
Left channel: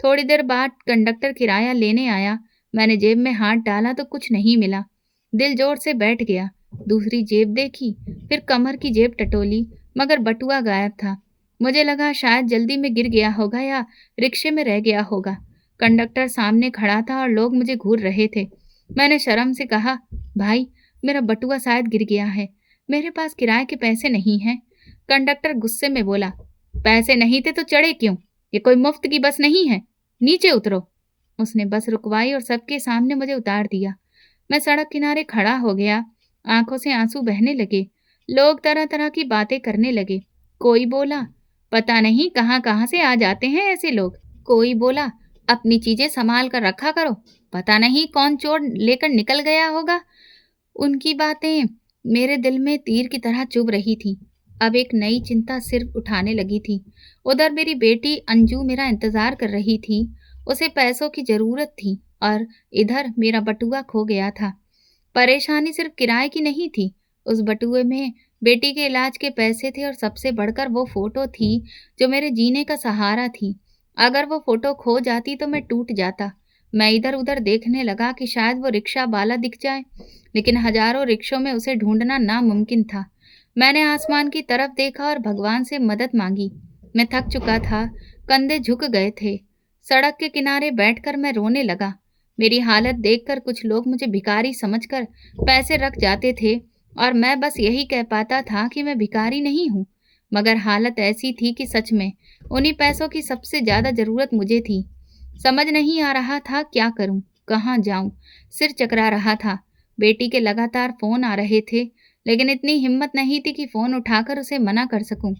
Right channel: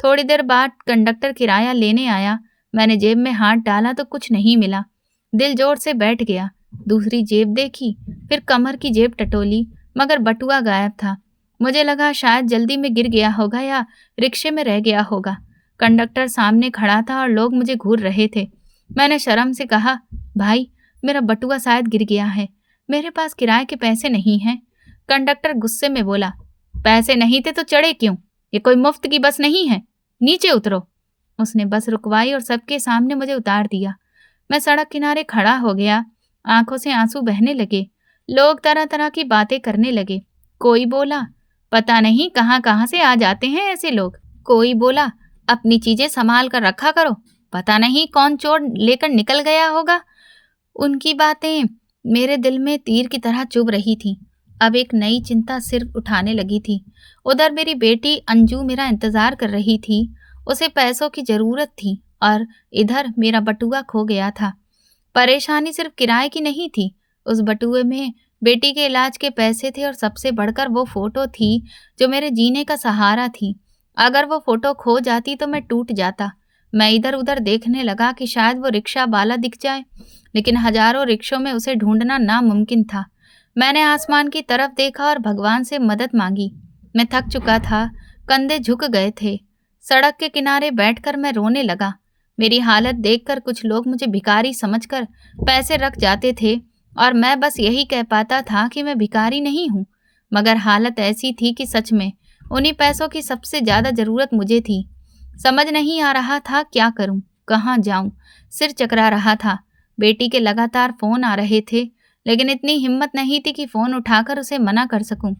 थोड़ी देर बाद कंडक्टर किराया लेने आया। मैंने जेब में हाथ डाला तो कुछ नहीं मिला। दिल जोर से बैठ गया। दूसरी जेब देखी, फिर कमर की जेब टटोली, मगर बटुआ गायब था। मुझे लगा शायद जल्दी में गिर गया होगा या रिक्शे में रह गया होगा। कंडक्टर सामने खड़ा था और लोग मुझे घूर रहे थे। मैंने शर्म से कहा, भाई, मेरा बटुआ शायद गिर गया है, मेरे पास किराए के पैसे नहीं हैं। कंडक्टर गुस्से में बोला, पैसे नहीं थे तो चढ़े क्यों? ये कोई मुफ्त की बस नहीं है, नीचे उतरो। उसने बस रुकवाई और सबके सामने मुझे उतार दिया। मैं सड़क किनारे खड़ा हो गया। आंखों से आंसू बहने लगे। लोग तरह तरह की बातें करने लगे। कोई बोला, पता नहीं कहाँ कहाँ से आ जाते हैं ऐसे लोग। कोई बोला, अपनी चीजें संभाल कर रखा करो, पता नहीं कौन चोर लेकर निकल गया होगा। उनकी बातें मेरे दिल में तीर की तरह चुभ रही थी। अब एक नई चिंता सिर उठाने लगी थी। उधर मेरी बेटी अंजू मेरा इंतजार कर रही थी। उसे पैसों की जरूरत थी और इधर मेरा बटुआ खो गया था। परेशानी सिर्फ किराए की नहीं थी। उस बटुए में बेटी के इलाज के पैसे थे और सबसे बढ़कर वो फोटो थी जो मेरे जीने का सहारा थी। अगर वो फोटो खो जाती तो मैं टूट जाता। मैं इधर उधर देखने लगा कि शायद वो रिक्शा वाला दिख जाए, लेकिन हजारों रिक्शों में उसे ढूंढना नामुमकिन था। मैंने आसमान की तरफ देखा और भगवान से मदद मांगी। मैं थक चुका था, कंधे झुक गए थे। सड़क के किनारे बैठकर मैं रोने लगा। मेरी हालत देखकर कुछ लोग मुझे भिखारी समझकर पैसे रख जाते थे और मैं बस यही कह पाता था कि मैं भिखारी नहीं हूँ। मगर हालत ऐसी थी कि सच में उन्हीं पैसों की सबसे ज़्यादा ज़रूरत मुझे थी। समझ नहीं आ रहा था क्या करूं, कहाँ जाऊं। सिर चकरा रहा था। बेटी के लगातार फ़ोन आ रहे थे, लेकिन इतनी हिम्मत नहीं थी कि फ़ोन उठाकर उसे मना कर सकूं।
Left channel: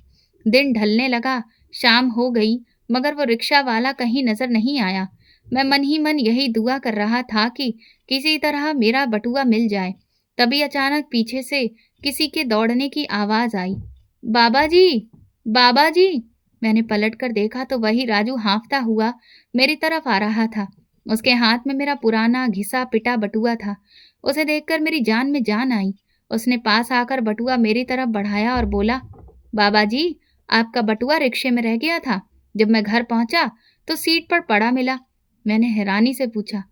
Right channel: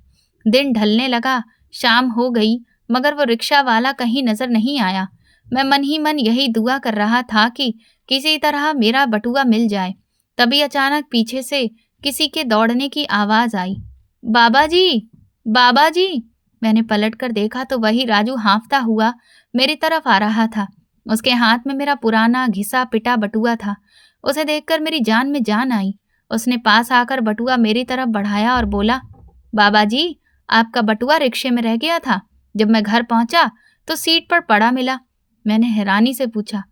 दिन ढलने लगा, शाम हो गई, मगर वो रिक्शा वाला कहीं नज़र नहीं आया। मैं मन ही मन यही दुआ कर रहा था कि किसी तरह मेरा बटुआ मिल जाए। तभी अचानक पीछे से किसी के दौड़ने की आवाज़ आई। बाबा जी! बाबा जी! मैंने पलट कर देखा तो वही राजू हाँफता हुआ मेरी तरफ आ रहा था। उसके हाथ में मेरा पुराना घिसा-पिटा बटुआ था। उसे देखकर मेरी जान में जान आई। उसने पास आकर बटुआ मेरी तरफ बढ़ाया और बोला, बाबा जी, आपका बटुआ रिक्शे में रह गया था। जब मैं घर पहुंचा तो सीट पर पड़ा मिला। मैंने हैरानी से पूछा,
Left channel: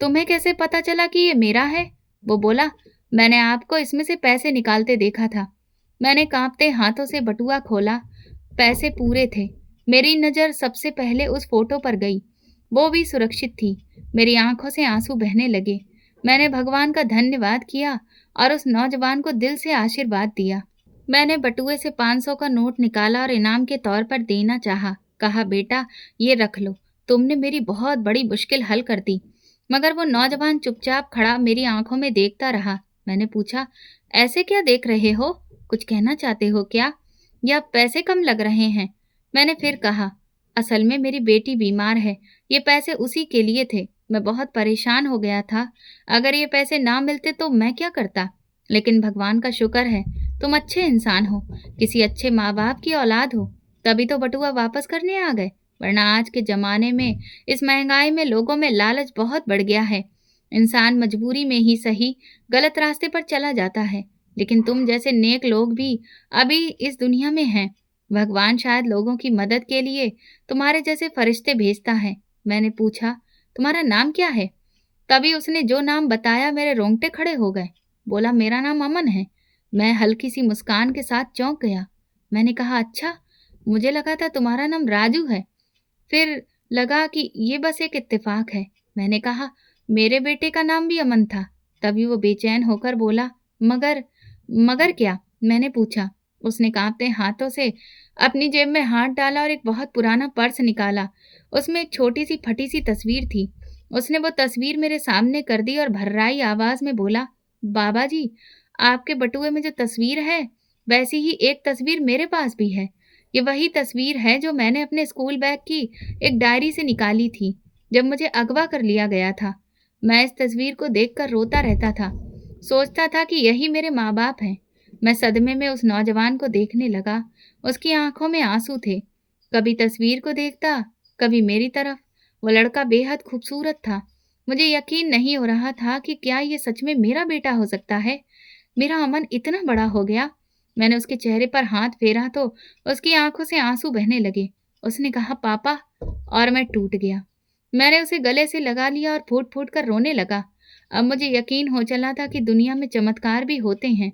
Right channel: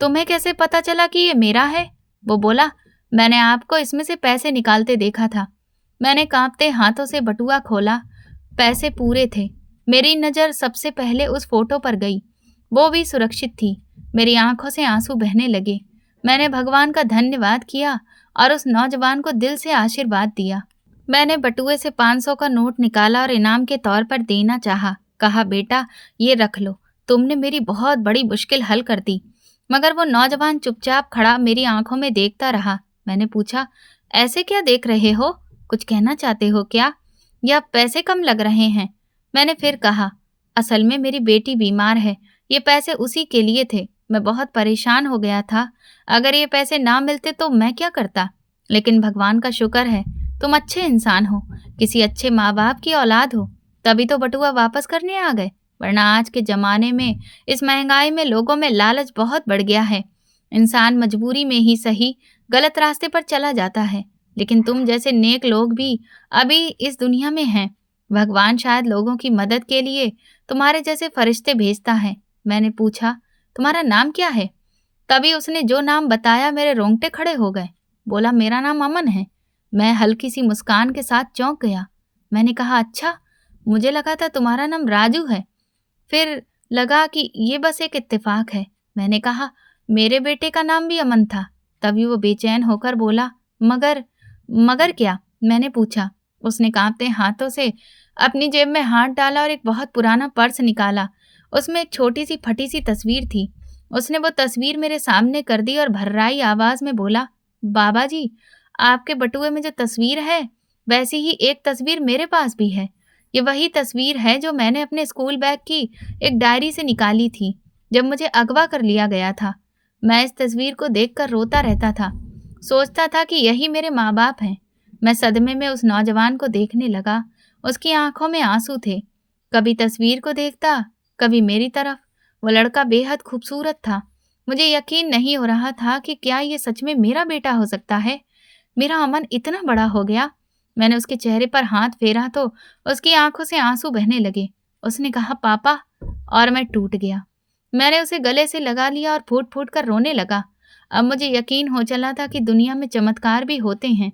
तुम्हें कैसे पता चला कि ये मेरा है? वो बोला, मैंने आपको इसमें से पैसे निकालते देखा था। मैंने कांपते हाथों से बटुआ खोला। पैसे पूरे थे। मेरी नज़र सबसे पहले उस फोटो पर गई। वो भी सुरक्षित थी। मेरी आंखों से आंसू बहने लगे। मैंने भगवान का धन्यवाद किया और उस नौजवान को दिल से आशीर्वाद दिया। मैंने बटुए से 500 का नोट निकाला और इनाम के तौर पर देना चाहा। कहा, बेटा, ये रख लो। तुमने मेरी बहुत बड़ी मुश्किल हल कर दी। मगर वो नौजवान चुपचाप खड़ा मेरी आंखों में देखता रहा। मैंने पूछा, ऐसे क्या देख रहे हो? कुछ कहना चाहते हो क्या? या पैसे कम लग रहे हैं? मैंने फिर कहा, असल में मेरी बेटी बीमार है। ये पैसे उसी के लिए थे। मैं बहुत परेशान हो गया था। अगर ये पैसे ना मिलते तो मैं क्या करता? लेकिन भगवान का शुक्र है, तुम अच्छे इंसान हो, किसी अच्छे माँ बाप की औलाद हो, तभी तो बटुआ वापस करने आ गए। वरना आज के ज़माने में, इस महंगाई में लोगों में लालच बहुत बढ़ गया है। इंसान मजबूरी में ही सही गलत रास्ते पर चला जाता है। लेकिन तुम जैसे नेक लोग भी अभी इस दुनिया में हैं। भगवान शायद लोगों की मदद के लिए तुम्हारे जैसे फरिश्ते भेजता है। मैंने पूछा, तुम्हारा नाम क्या है? तभी उसने जो नाम बताया मेरे रोंगटे खड़े हो गए। बोला, मेरा नाम अमन है। मैं हल्की सी मुस्कान के साथ चौंक गया। मैंने कहा, अच्छा, मुझे लगा था तुम्हारा नाम राजू है। फिर लगा कि ये बस एक इत्तेफाक है। मैंने कहा, मेरे बेटे का नाम भी अमन था। तभी वो बेचैन होकर बोला, मगर मगर क्या? मैंने पूछा। उसने कांपते हाथों से अपनी जेब में हाथ डाला और एक बहुत पुराना पर्स निकाला। उसमें एक छोटी सी फटी सी तस्वीर थी। उसने वो तस्वीर मेरे सामने कर दी और भर्राई आवाज में बोला, बाबा जी, आपके बटुए में जो तस्वीर है, वैसी ही एक तस्वीर मेरे पास भी है। ये वही तस्वीर है जो मैंने अपने स्कूल बैग की एक डायरी से निकाली थी जब मुझे अगवा कर लिया गया था। मैं इस तस्वीर को देखकर रोता रहता था। सोचता था कि यही मेरे माँ बाप हैं। मैं सदमे में उस नौजवान को देखने लगा। उसकी आंखों में आंसू थे। कभी तस्वीर को देखता, कभी मेरी तरफ। वो लड़का बेहद खूबसूरत था। मुझे यकीन नहीं हो रहा था कि क्या ये सच में मेरा बेटा हो सकता है। मेरा अमन इतना बड़ा हो गया। मैंने उसके चेहरे पर हाथ फेरा तो उसकी आंखों से आंसू बहने लगे। उसने कहा, पापा, और मैं टूट गया। मैंने उसे गले से लगा लिया और फूट फूट कर रोने लगा। अब मुझे यकीन हो चला था कि दुनिया में चमत्कार भी होते हैं।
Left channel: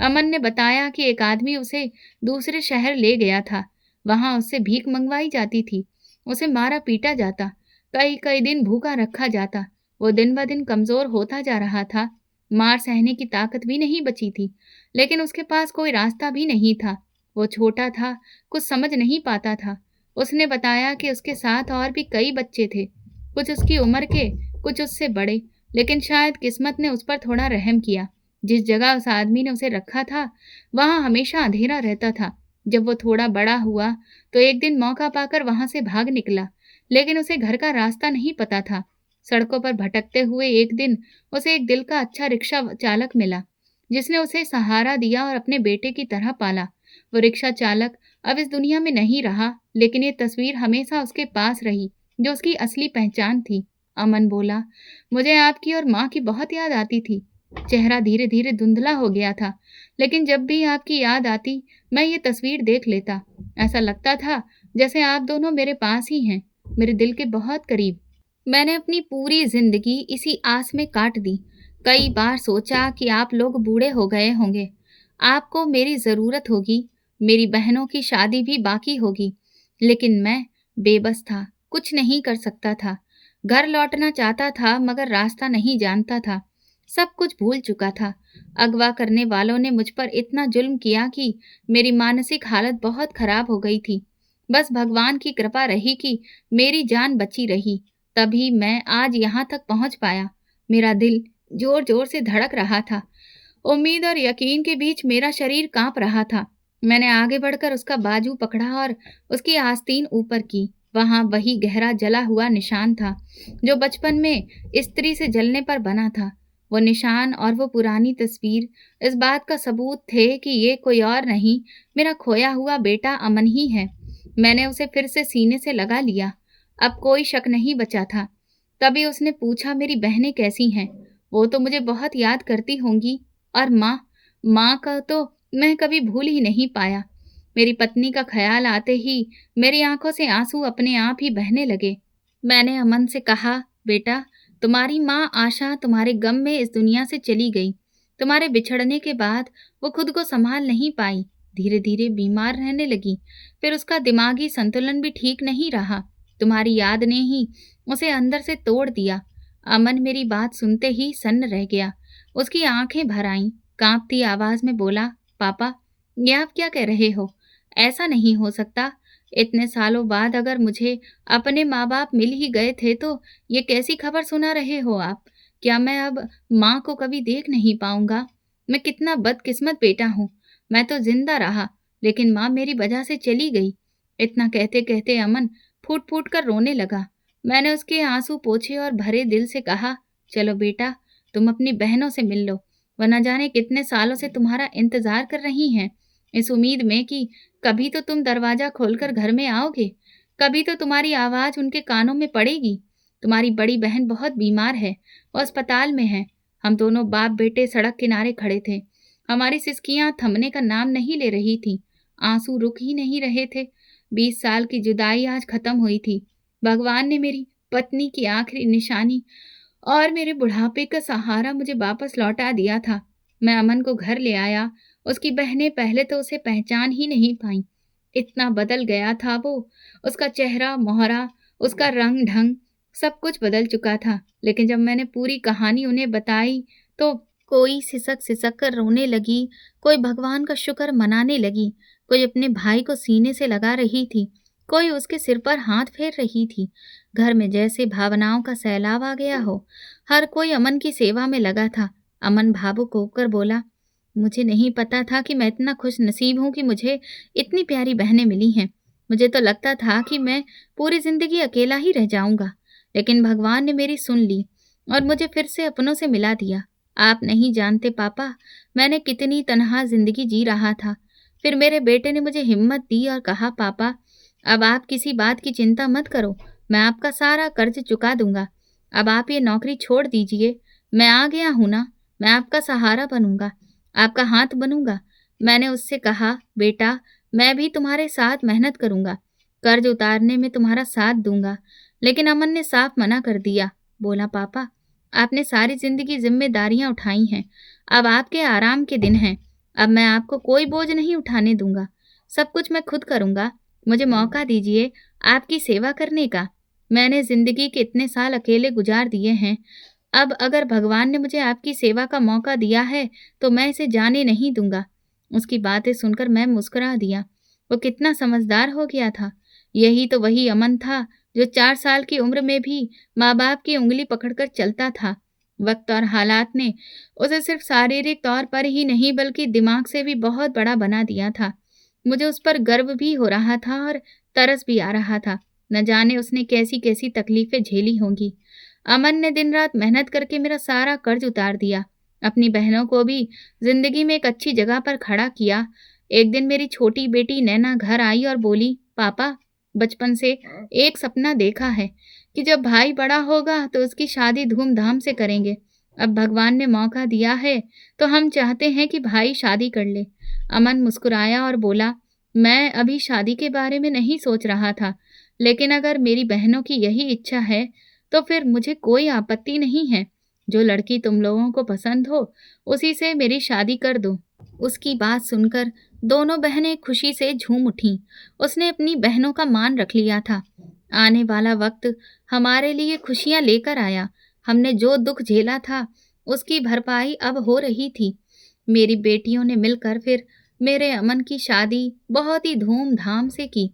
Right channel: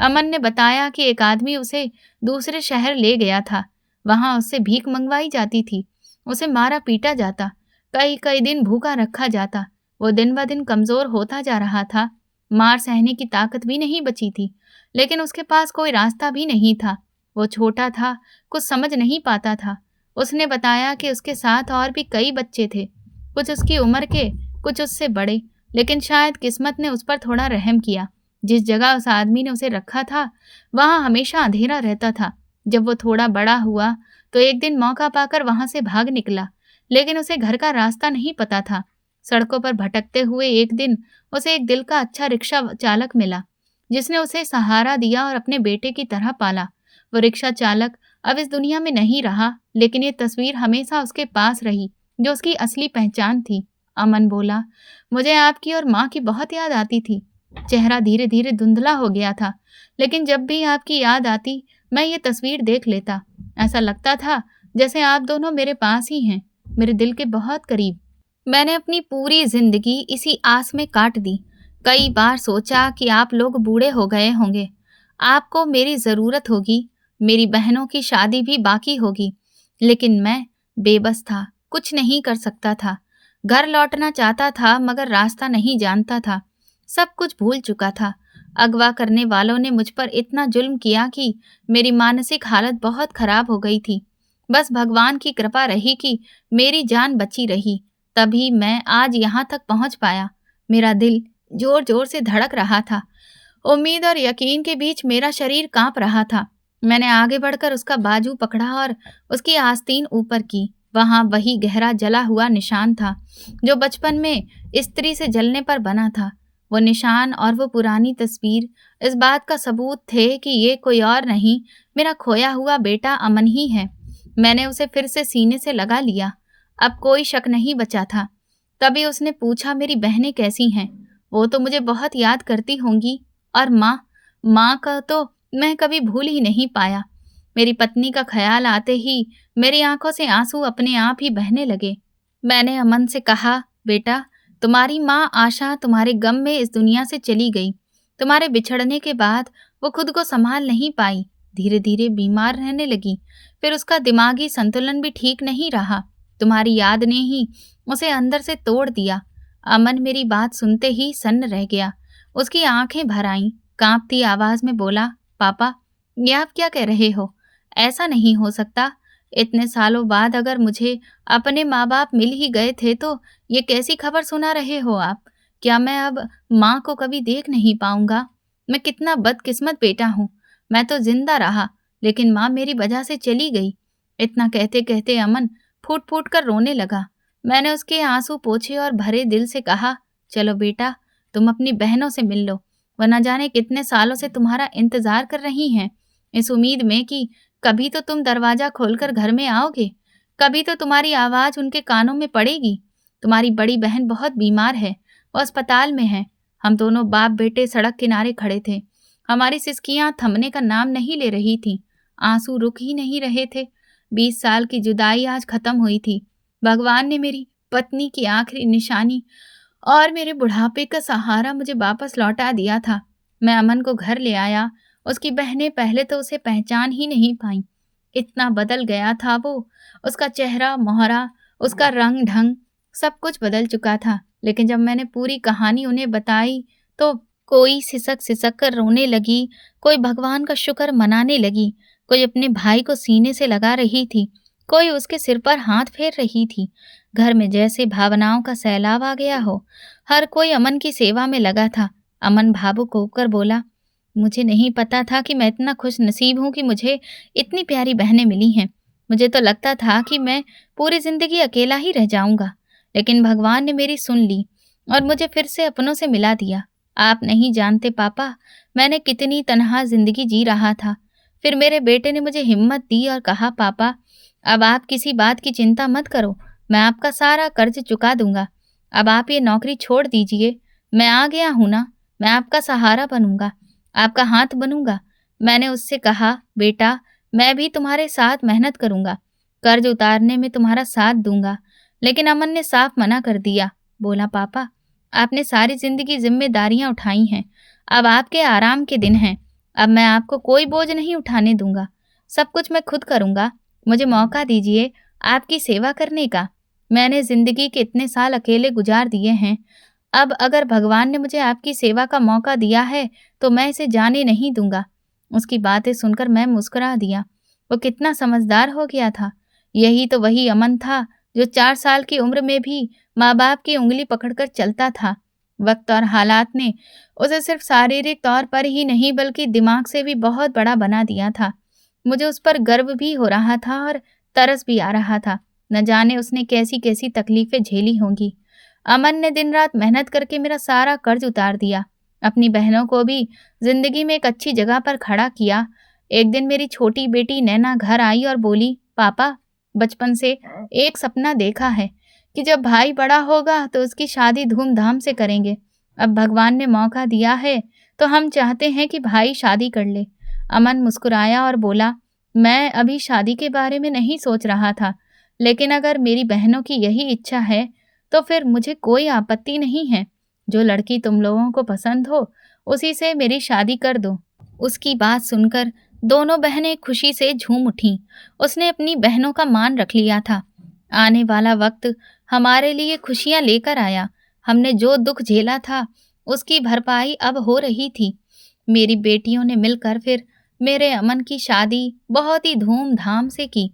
अमन ने बताया कि एक आदमी उसे दूसरे शहर ले गया था। वहां उससे भीख मंगवाई जाती थी। उसे मारा पीटा जाता, कई कई दिन भूखा रखा जाता। वो दिन ब दिन कमजोर होता जा रहा था। मार सहने की ताकत भी नहीं बची थी। लेकिन उसके पास कोई रास्ता भी नहीं था। वो छोटा था, कुछ समझ नहीं पाता था। उसने बताया कि उसके साथ और भी कई बच्चे थे, कुछ उसकी उम्र के, कुछ उससे बड़े। लेकिन शायद किस्मत ने उस पर थोड़ा रहम किया। जिस जगह उस आदमी ने उसे रखा था, वहां हमेशा अंधेरा रहता था। जब वो थोड़ा बड़ा हुआ तो एक दिन मौका पाकर वहां से भाग निकला। लेकिन उसे घर का रास्ता नहीं पता था। सड़कों पर भटकते हुए एक दिन उसे एक दिल का अच्छा रिक्शा चालक मिला, जिसने उसे सहारा दिया और अपने बेटे की तरह पाला। वो रिक्शा चालक अब इस दुनिया में नहीं रहा, लेकिन ये तस्वीर हमेशा उसके पास रही, जो उसकी असली पहचान थी। अमन बोला, मुझे आपकी और माँ की बहुत याद आती थी। चेहरा धीरे धीरे धुंधला हो गया था, लेकिन जब भी आपकी याद आती, मैं ये तस्वीर देख लेता। ऐसा लगता था जैसे आप दोनों मेरे पास ही हैं, मेरे दिल के बहुत करीब। मैंने अपनी पूरी जिंदगी इसी आस में काट दी। कई बार सोचा कि आप लोग बूढ़े हो गए होंगे, आपको मेरी ज़रूरत होगी, मेरी बहनों की शादी भी बाकी होगी। लेकिन मैं बेबस था, कुछ नहीं कर सकता था। घर लौटना चाहता था मगर रास्ता नहीं जानता था। सब कुछ भूल चुका था। अगवा करने वालों ने मुझ पर इतना जुल्म किया कि मेरी मानसिक हालत बहुत खराब हो गई थी। बस भगवान की कृपा रही कि मेरी जान बची रही, तभी मैं आज यहाँ तक पहुँच पाया। मेरा दिल जोर जोर से धड़क रहा था। उम्मीद और यकीन के बीच मेरा शरीर कांप रहा था। मैंने आगे बढ़कर उसका बाजू पकड़ा और उसकी आस्तीन ऊपर की। वहां वही गहरा जला हुआ निशान था जो बचपन में स्त्री से जलने पर बना था। वो निशान और वो पुरानी तस्वीर इस बात का सबूत थे कि ये कोई और नहीं, मेरा खोया हुआ बेटा अमन ही है। मैंने उसे फिर से सीने से लगा लिया। अब कोई शक नहीं बचा था। तभी उसने पूछा, मेरी बहनें कैसी हैं? वो तो मुझे बहुत याद करती होंगी। और माँ? माँ का तो मैं कभी भूल ही नहीं पाया। मेरी पत्नी का ख्याल आते ही मेरी आंखों से आंसू अपने आप ही बहने लगे। मैंने अमन से कहा, बेटा, तुम्हारी माँ आशा तुम्हारे गम में इस दुनिया से चली गई। तुम्हारे बिछड़ने के बाद वो खुद को संभाल नहीं पाई, धीरे धीरे बीमार रहने लगी। फिर उसका दिमागी संतुलन भी ठीक नहीं रहा। तुम्हारी याद ने ही उसे अंदर से तोड़ दिया। अमन मेरी बात सुनते ही सन्न रह गया। उसकी आंखें भर आईं। कांपती आवाज में बोला, पापा, ये आप क्या कह रहे हो? ऐसा नहीं हो सकता। इतने सालों बाद अगर मुझे अपने माँ बाप मिल ही गए थे तो ये कैसी खबर सुना रहे हो आप? क्या मैं अब माँ को कभी देख नहीं पाऊंगा? मैं कितना बदकिस्मत बेटा हूँ। मैं तो जिंदा रहा, लेकिन माँ मेरी वजह से चली गई। इतना कहते कहते अमन फूट फूट कर रोने लगा। मैंने उसके आंसू पोंछे और भरे दिल से कहा, चलो बेटा, तुम अपनी बहनों से मिल लो। वो न जाने कितने सालों से तुम्हारा इंतजार कर रही हैं, इस उम्मीद में कि कभी तो तुम दरवाजा खोलकर घर में आओगे, कभी तो तुम्हारी आवाज उनके कानों में पड़ेगी। तुम्हारी बड़ी बहन बहुत बीमार है, वो अस्पताल में है। हम दोनों बाप बेटे सड़क किनारे खड़े थे। हमारी सिसकियां थमने का नाम नहीं ले रही थी। आंसू रुक ही नहीं रहे थे। 20 साल की जुदाई आज खत्म हुई थी। भगवान ने मेरी पत्नी की आखिरी निशानी और मेरे बुढ़ापे का सहारा मुझे वापस लौटा दिया था। मैं अमन को घर ले आया। उसकी बहनें पहले तो उसे पहचान ही नहीं पाईं। इतना बदल गया था वो। उसका चेहरा, मोहरा, उसका रंग ढंग सब कुछ बदल चुका था। लेकिन जब मैंने पूरी कहानी उन्हें बताई तो कोई सिसक सिसक कर रोने लगी, कोई भगवान का शुक्र मनाने लगी, कोई अपने भाई को सीने से लगा रही थी, कोई उसके सिर पर हाथ फेर रही थी। घर में जैसे भावनाओं का सैलाब आ गया हो। हर कोई अमन की सेवा में लगा था। अमन भावुक होकर बोला, मुझे नहीं पता था कि मैं इतना खुश नसीब हूँ कि मुझे इतनी प्यारी बहनें मिली हैं। मुझे तो लगता था कि मैं पूरी जिंदगी अकेला ही रह जाऊंगा, लेकिन भगवान ने मेरी सुन ली और मुझे फिर से अपनों से मिला दिया। आप नहीं जानते पापा, मैंने कितनी तनहा जिंदगी जी रहा था। फिर मेरे बेटे ने मुझे हिम्मत दी और कहा, पापा, अब आप किसी बात की चिंता मत करो, मैं आपका सारा कर्ज चुका दूंगा। अब आप ये नौकरी छोड़ दीजिए। मैं आ गया हूं ना, मैं आपका सहारा बनूंगा, आपका हाथ बनूंगा। मैंने उससे कहा, बेटा, मैं भी तुम्हारे साथ मेहनत करूंगा, कर्ज उतारने में तुम्हारा साथ दूंगा। लेकिन अमन ने साफ मना कर दिया। बोला, पापा, आपने सारी जिंदगी जिम्मेदारियां उठाई हैं, अब आपके आराम के दिन हैं। अब मैं आपको कोई बोझ नहीं उठाने दूंगा। सब कुछ मैं खुद करूंगा। मुझे मौका दीजिए आपकी सेवा करने का। मैंने जिंदगी के इतने साल अकेले गुजार दिए हैं। अब अगर भगवान ने मुझे आपकी सेवा का मौका दिया है तो मैं इसे जाने नहीं दूंगा। उसकी बातें सुनकर मैं मुस्कुरा दिया। वो कितना समझदार हो गया था। यही तो वही अमन था जो 4 साल की उम्र में भी माँ बाप की उंगली पकड़कर चलता था। वक्त और हालात ने उसे सिर्फ शारीरिक तौर पर ही नहीं बल्कि दिमाग से भी बहुत बड़ा बना दिया था। मुझे उस पर गर्व भी हो रहा था और तरस भी आ रहा था। न जाने उसने कैसी कैसी तकलीफें झेली होंगी। अमन ने दिन रात मेहनत करके मेरा सारा कर्ज उतार दिया, अपनी बहनों को भी जिंदगी में एक अच्छी जगह पर खड़ा किया। एक दिन मेरी छोटी बेटी नैना घर आई और बोली, पापा, बचपन से एक सपना देखा है कि जब भाई बड़ा होगा तो उसकी शादी धूमधाम से करेंगे। अब भगवान ने मौका दिया है तो हम चाहते हैं कि भाई शादी कर ले। अमन मुस्कुराया और बोला, मैं अभी शादी के बारे में नहीं सोच रहा था, लेकिन अगर मेरी बहनों की यही इच्छा है तो फिर मुझे कोई आपत्ति नहीं है। जो लड़की तुम लोगों को पसंद हो उसी से मेरी शादी कर दो। उसकी बात सुनकर दोनों बहनें खुशी से झूम उठीं। उसने अपनी बहनों का मान रख लिया था। आने वाला वक्त हमारे लिए खुशियां लेकर आया। हमने जो दुख झेला था उसकी भरपाई अब हो रही थी। मेरी बेटियों ने मिलकर फिर मेरे अमन की शादी बहुत ही धूमधाम से की।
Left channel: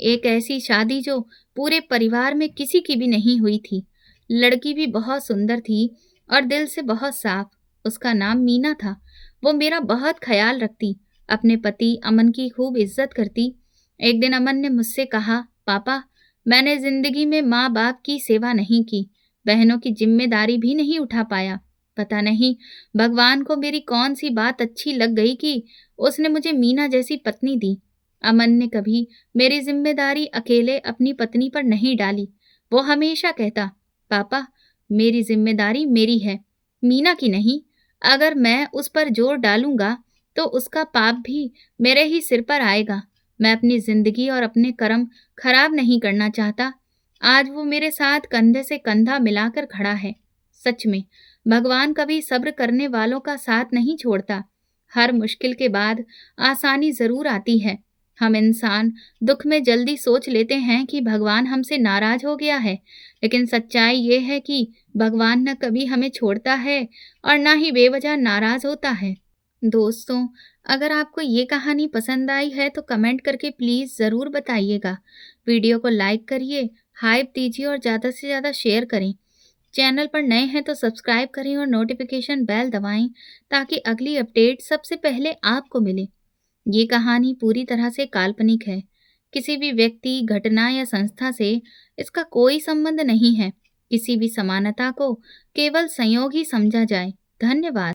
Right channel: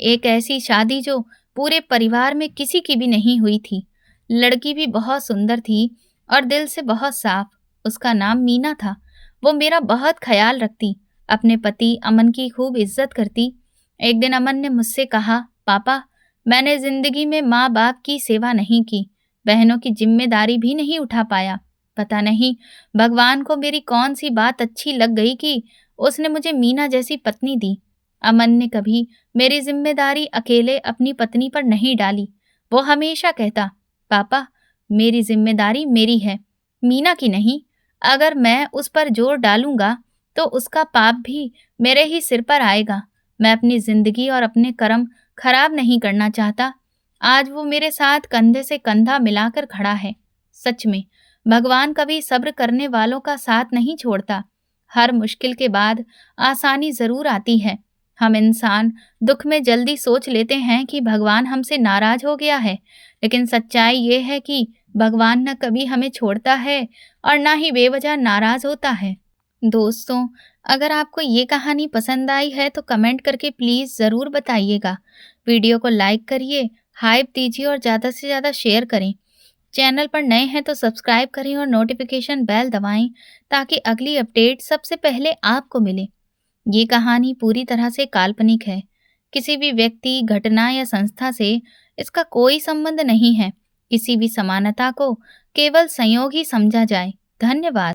एक ऐसी शादी जो पूरे परिवार में किसी की भी नहीं हुई थी। लड़की भी बहुत सुंदर थी और दिल से बहुत साफ। उसका नाम मीना था। वो मेरा बहुत ख्याल रखती, अपने पति अमन की खूब इज्जत करती। एक दिन अमन ने मुझसे कहा, पापा, मैंने जिंदगी में माँ बाप की सेवा नहीं की, बहनों की जिम्मेदारी भी नहीं उठा पाया, पता नहीं भगवान को मेरी कौन सी बात अच्छी लग गई कि उसने मुझे मीना जैसी पत्नी दी। अमन ने कभी मेरी जिम्मेदारी अकेले अपनी पत्नी पर नहीं डाली। वो हमेशा कहता, पापा मेरी जिम्मेदारी मेरी है, मीना की नहीं। अगर मैं उस पर जोर डालूंगा तो उसका पाप भी मेरे ही सिर पर आएगा। मैं अपनी जिंदगी और अपने कर्म खराब नहीं करना चाहता। आज वो मेरे साथ कंधे से कंधा मिलाकर खड़ा है। सच में भगवान कभी सब्र करने वालों का साथ नहीं छोड़ता। हर मुश्किल के बाद आसानी जरूर आती है। हम इंसान दुख में जल्दी सोच लेते हैं कि भगवान हमसे नाराज हो गया है, लेकिन सच्चाई ये है कि भगवान न कभी हमें छोड़ता है और ना ही बेवजह नाराज होता है। दोस्तों, अगर आपको ये कहानी पसंद आई है तो कमेंट करके प्लीज़ ज़रूर बताइएगा। वीडियो को लाइक करिए, हाइप दीजिए और ज़्यादा से ज़्यादा शेयर करें। चैनल पर नए हैं तो सब्सक्राइब करें और नोटिफिकेशन बेल दबाएं ताकि अगली अपडेट सबसे पहले आपको मिले। ये कहानी पूरी तरह से काल्पनिक है। किसी भी व्यक्ति, घटना या संस्था से इसका कोई संबंध नहीं है। किसी भी समानता को केवल संयोग ही समझा जाए। धन्यवाद।